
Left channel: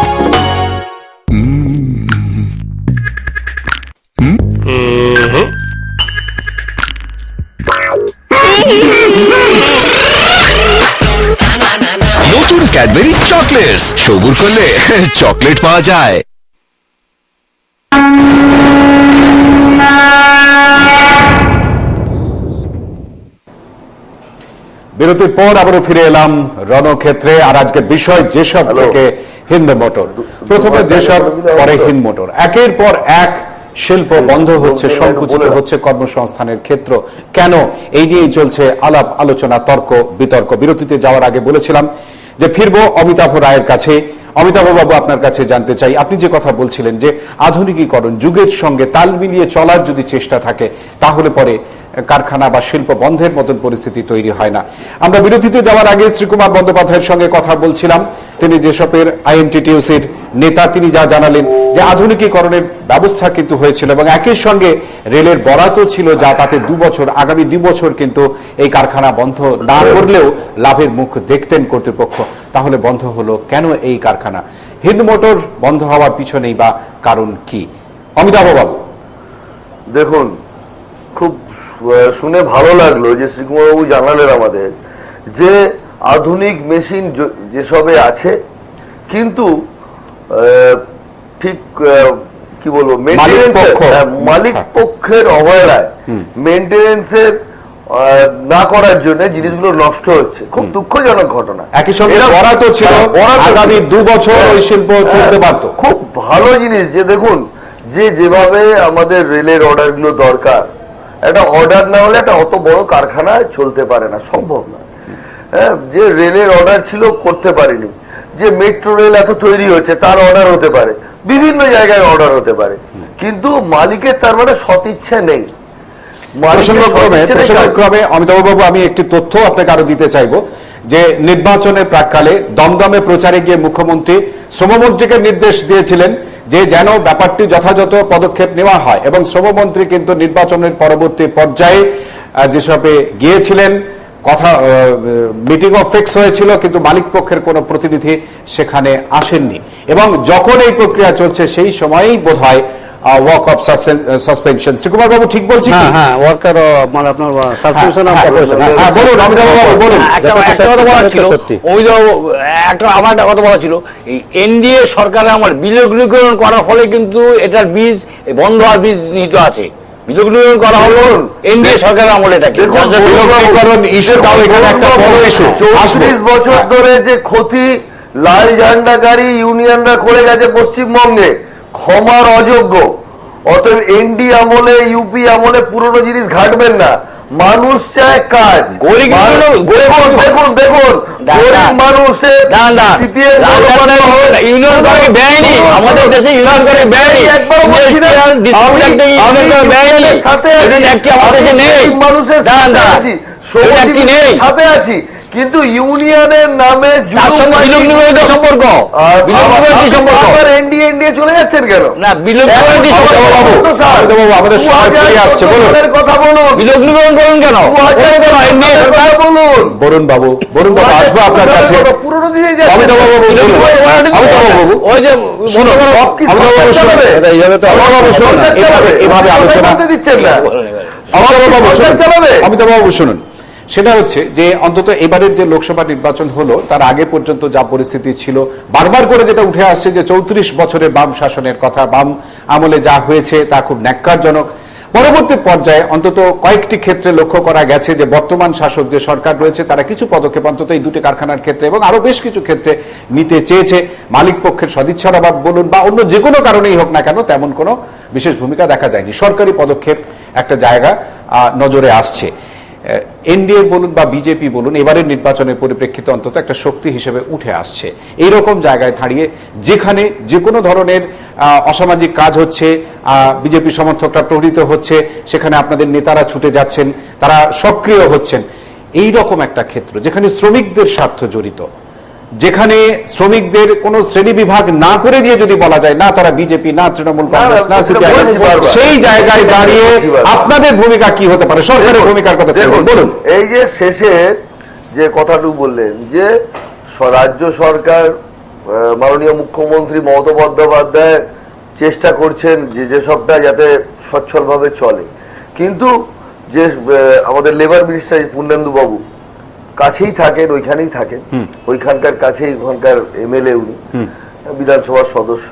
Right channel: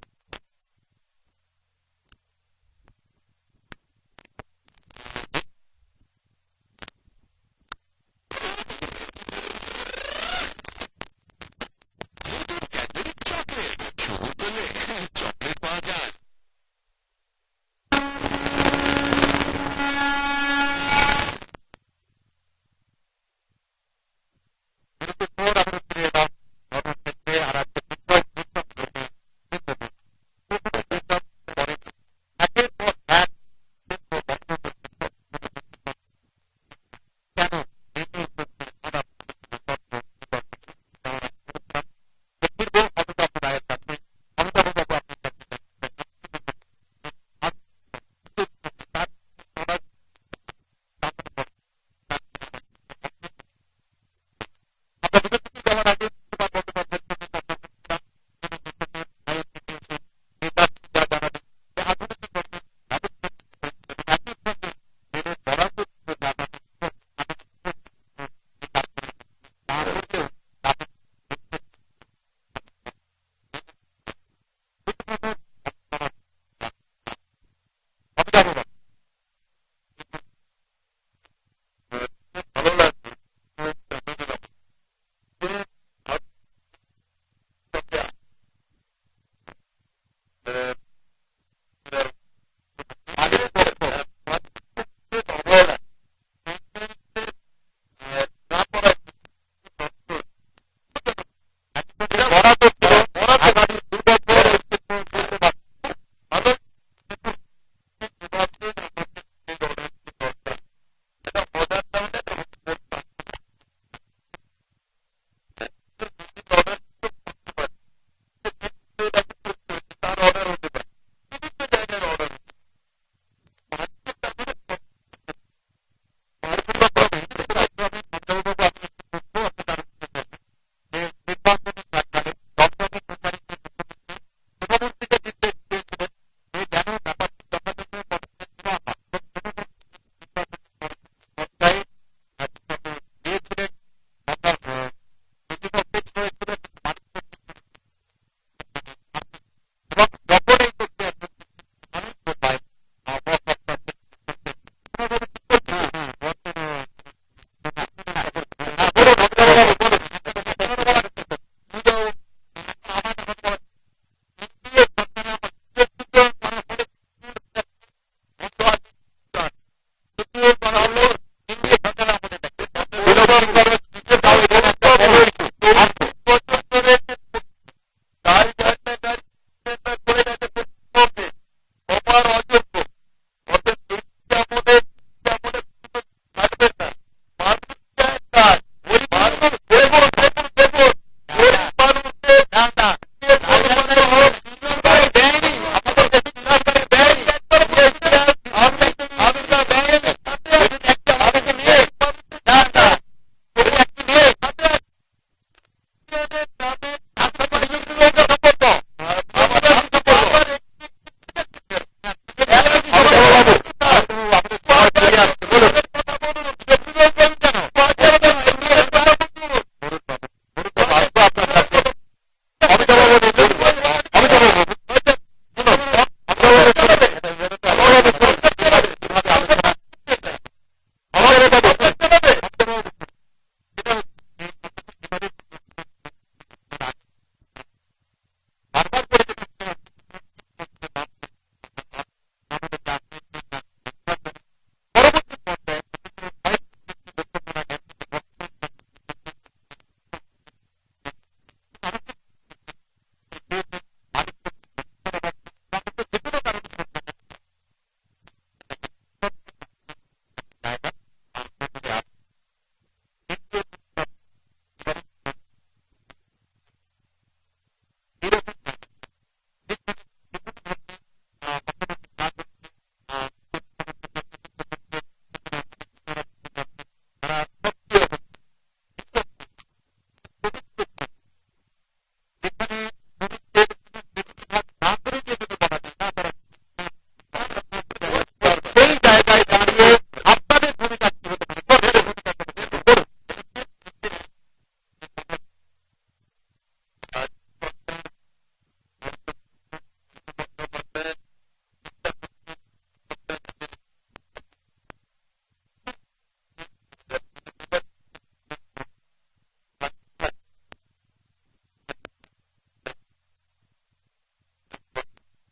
নতুন ক্যাডবেরি চকলেটস, সবুর করলে চকলেট পাওয়া যায়। বিরতির পর আবারও ফিরে এলাম রণক্ষেত্রে। আর আজকের বিষয় যেসব থেকে হিন্দ মোটর। প্রথমে যেসব, পরে হিন্দ মোটর। একের পর এক শিল্প বন্ধ হচ্ছে, সংকুচিত হচ্ছে কর্মসংস্থানের ক্ষেত্র। কেন? এই নিয়েই চলছে আলাপ আলোচনা, তর্ক বিতর্ক। বিরতিতে যাওয়ার আগে বলেছিলাম যে ফিরবো অমিতাভ রায়ের কাছে। অমিতাভ বাবু, আপনার কাছে জানতে চাই, আপনি যে কথা বলছিলেন যে আধুনিকীকরণ, যুগের সঙ্গে তাল মিলিয়ে চলার যদি চেষ্টা থাকে, তাহলে পরে কারখানা বা শিল্প বন্ধের মতন পরিস্থিতি তৈরি হয় না। আমরা বিরতিতে যাওয়ার আগে শ্রীকুমার বন্দ্যোপাধ্যায়ের সঙ্গে কথা বলছিলাম। তিনি যেসবের INTTUC-র নেতা, তিনি যা জানালেন যে আধুনিকীকরণের ব্যবস্থা কিন্তু হয়েছিল এবং একই সঙ্গে রেলের বরাতও ছিল, যা তাতে 2 বছর, আগামী 2 বছর কিন্তু এই কারখানা বন্ধ না করলেও লাভের মুখ দেখতেন কর্তৃপক্ষ। তাহলে বন্ধ হলো কেন এই কারখানা? হিন্দ মোটর বন্ধ হওয়ার পিছনেই বা কারণ কি? অমিতাভ বাবু। দেখুন, খুব শুনে ভালো লাগলো যে শ্রীকুমারবাবু জানালেন আমাদের যে আধুনিক মেশিন যেসবে আছে, কিন্তু ঠিক কি বলবো, মালিক পক্ষের অবহেলায় মেনটেনেন্সের না করার জন্য জিনিসগুলো নষ্ট হচ্ছে। খুব দুঃখজনক ঘটনা। একই সঙ্গে বরাদ্দ ছিল, আগামী 2 বছর ওই শিল্প চলতে পারত। খুব ভালো জিনিস যে দেখুন, যেভাবে আমাদের রেলের অর্ডার গুলো দরকার, একটা অর্ডার না হলে একটা অত বড় কারখানা চলতে পারে না, সম্ভব না। হ্যাঁ, যে রেলের অর্ডার ছিল করতে পারেনি, যে মেট্রো রেল এত তৈরি হচ্ছে তার অর্ডার হতে পারে, বিভিন্ন জায়গায় অর্ডার হতে পারে, কিন্তু মালিকের তার মানে সদিচ্ছা নেই। প্রসঙ্গক্রমে অমিতাভ বাবু, আমি একটি তথ্য আপনাকে আরো দিতে চাইবো যে নির্বাচনের প্রাক্কালে দমদমে প্রচারে গিয়ে মুখ্যমন্ত্রী শ্রমমন্ত্রীকে নির্দেশ দিয়েছিলেন যে যেন ব্যাপারটি যথাযথ পদক্ষেপ নেওয়া হয়, এবং শ্রমমন্ত্রী কিন্তু নির্বাচনের পরবর্তী পর্যায়ে যেসবে গিয়েছিলেন, কথা মিটিংও ফিক্স হয়েছিল, কিন্তু মালিক পক্ষের কোনো প্রতিনিধি সেখানে আসেননি, এবং যখন এই প্রক্রিয়া চলছে সেই সময়েই বোধহয় ওয়ার্ক অফ সাসপেনশন। শ্রীকুমার বাবু ঠিক বলছি? হ্যাঁ, ওয়ার্কার মানে আপনার সাসপেনশন অফ অপারেশন। হ্যাঁ, বলুন অমিতাভ বাবু, বলুন। একটা কথা বলা ছিল, আমার একটা কথা বলা ছিল, এই এনডিএ সরকারের আমার বিলগ্নীকরণ করার ফলে কিন্তু এটার বীজ বন্ধ হওয়ার বীজ নিহিত আছে। বিলগ্নীকরণ করা হলো এনডিএ সরকারের আমলে। এটাকে বিলগ্নীকরণ ইস্যুটাও এখানে একটা বড় ইস্যু। 34 বছর ধরে যে ক্ষতি লাল ঝান্ডাকারী ইউনিয়নরা করে গেছে পশ্চিমবঙ্গে, ক্ষমার অযোগ্য। অতএব এনডি আমলে, ইউপি আমলে পুরনো জিনিস ঘাটবেন না। মানুষ চায় কাজ। গরিব মানুষের ইউনিয়ন করে বেআইনি, আমাদের দেশে ইউনিয়ন করে বেআইনি, মানুষের সাথে আছি, কিন্তু ইউনিয়নের নামে সম্পর্ক এনডিএ চলে যাচ্ছেন কেন? না, আমাদের সময় ফিরে আসছে, বলুন কথা বলুন, বিলগ্নীকরণ করুন কেন? বরুণ বাবু, আসবো আপনার কাছে। পুরনো দিয়ে অমিতাভ বাবু, ওই যে এভাবে আলোচনা দিচ্ছেন না। অমিতাভ বাবু শুনুন, সেটা হচ্ছে যে অন্তত এবারের যে লোকসভা নির্বাচন হলো তার আগে পর্যন্ত যা পরিস্থিতি ছিল, বারবার করে যেটা উঠে আসছে যে 34 বছরের বাম শাসনের কথা, বাম আমলে যা হয়েছে তা খুব ন্যাক্কারজনক। পরবর্তী পর্যায়ে অন্তত কয়েকটি ক্ষেত্রে লক্ষ্য করা গেছে যে বর্তমান শাসক যে সরকার রয়েছে তারা কিছু পদক্ষেপ অন্তত এই দুটি কারখানার ক্ষেত্রে এবং আরো বেশ কিছু ক্ষেত্রে নিতে চেয়েছে। মালিক পক্ষের সদিচ্ছার অভাব বলুন বা অন্য যে কোনো কারণেই হোক না কেন, তেমন কোনো বিশেষ ভূমিকা দেখা যায়নি। সরকারি পদক্ষেপ একটা জায়গা নজরে আসছে। এনডিএ বলুন বা বিজেপি বলুন, এবারের নির্বাচনের পরিপ্রেক্ষিতে অন্তত একটা শক্তি হিসেবে উঠে আসছে। এইরকম জায়গায় দাঁড়িয়ে যেখানে যে কোনো ধরনের অসামাজিক কাজ হচ্ছে, বিজেপি সমর্থকরা প্রহৃত হচ্ছে, সেখানে আপনাদের নেতারা ছুটে যাচ্ছেন, তারা সক্রিয় হচ্ছেন। এই রকম একটা ক্ষেত্র যেখানে শ্রমিকদের স্বার্থ জড়িত, যেখানে শ্রমিকদের কোনো শ্রেণী বিভাগ না করে দিয়ে যদি বলা যায় না তারা বিজেপি, না তৃণমূল কংগ্রেস, না সিপিআইএম, সেই জায়গায় দাঁড়িয়ে আপনাদের ভূমিকা কি হতে পারে, সরকারের ভূমিকার কথা বলুন। এই যে শেষে যে কথাটুকু বললেন যে রাজ্য সরকার, মাননীয় মুখ্যমন্ত্রী মমতা বন্দ্যোপাধ্যায় চেষ্টা করছেন যে সবটা যাতে সচ্ছলভাবে চলে, কিন্তু যে আমাদের লেবার মিনিস্টার পূর্ণেন্দু বাবু কাছেই থাকেন, ওইখানেই থাকেন, ওইখানকার কাছেই ওখানকার এমএলএ, উনি বিধানসভার সদস্য,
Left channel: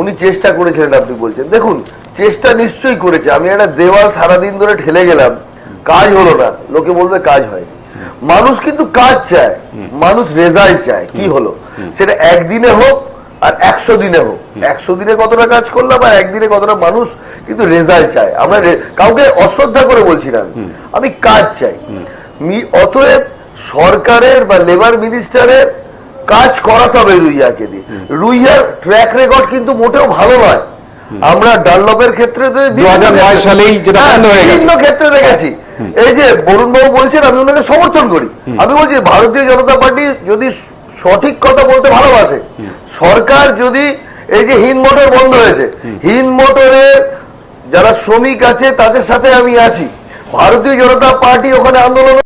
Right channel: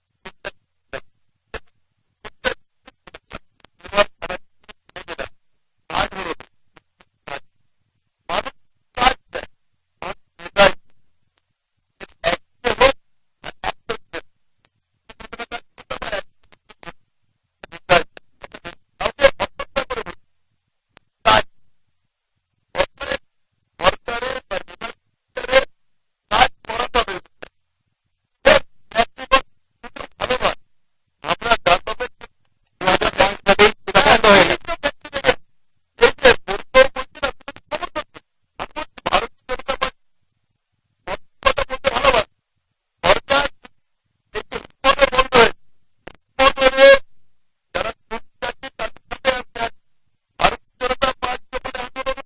উনি চেষ্টা করেছিলেন। আপনি বলছেন, দেখুন চেষ্টা নিশ্চয়ই করেছে। আমি একটা দেওয়াল সারাদিন ধরে ঠেলে গেলাম, কাজ হলো না, লোকে বলবে কাজ হয়। মানুষ কিন্তু কাজ চায়, মানুষ রেজাল্ট চায়। কি হলো সেটা একদিনে হোক আর 100 দিনে হোক, 100 দিনে কতটা কাজ করলাম আর একদিনে কতটা, মানুষ কিন্তু রেজাল্ট চায়। আমরা কাউকে অশ্রদ্ধা করে বলছি না, আমি কাজ চাই। অতএব সরকারের বা লেবার মিনিস্টারের কাজ করাতে হবে রুইয়াকে দিয়ে। রুইয়ার ট্র্যাক রেকর্ড কিন্তু মোটেও ভালো নয়। আমরা ডানলপের ক্ষেত্রে 2009 সালেই যেটা বন্ধ হয়ে গেছে, বিভিন্ন ক্ষেত্রে দেখেছি। এই যে বরুণ বাবু বলছেন, আমি ওনাকে সমর্থন করি। আমি বলছি ভারতীয় জনতা পার্টি যদি সঠিক কথা বলতে ভালোবাসে, সরকার যদি এই যে হিন্দ মোটর বন্ধ হয়েছে, হিন্দ মোটরের যারা শ্রমিক আছে তাদের সাথে আমি আছি। ভারতীয় জনতা পার্টি ওখানে আন্দোলন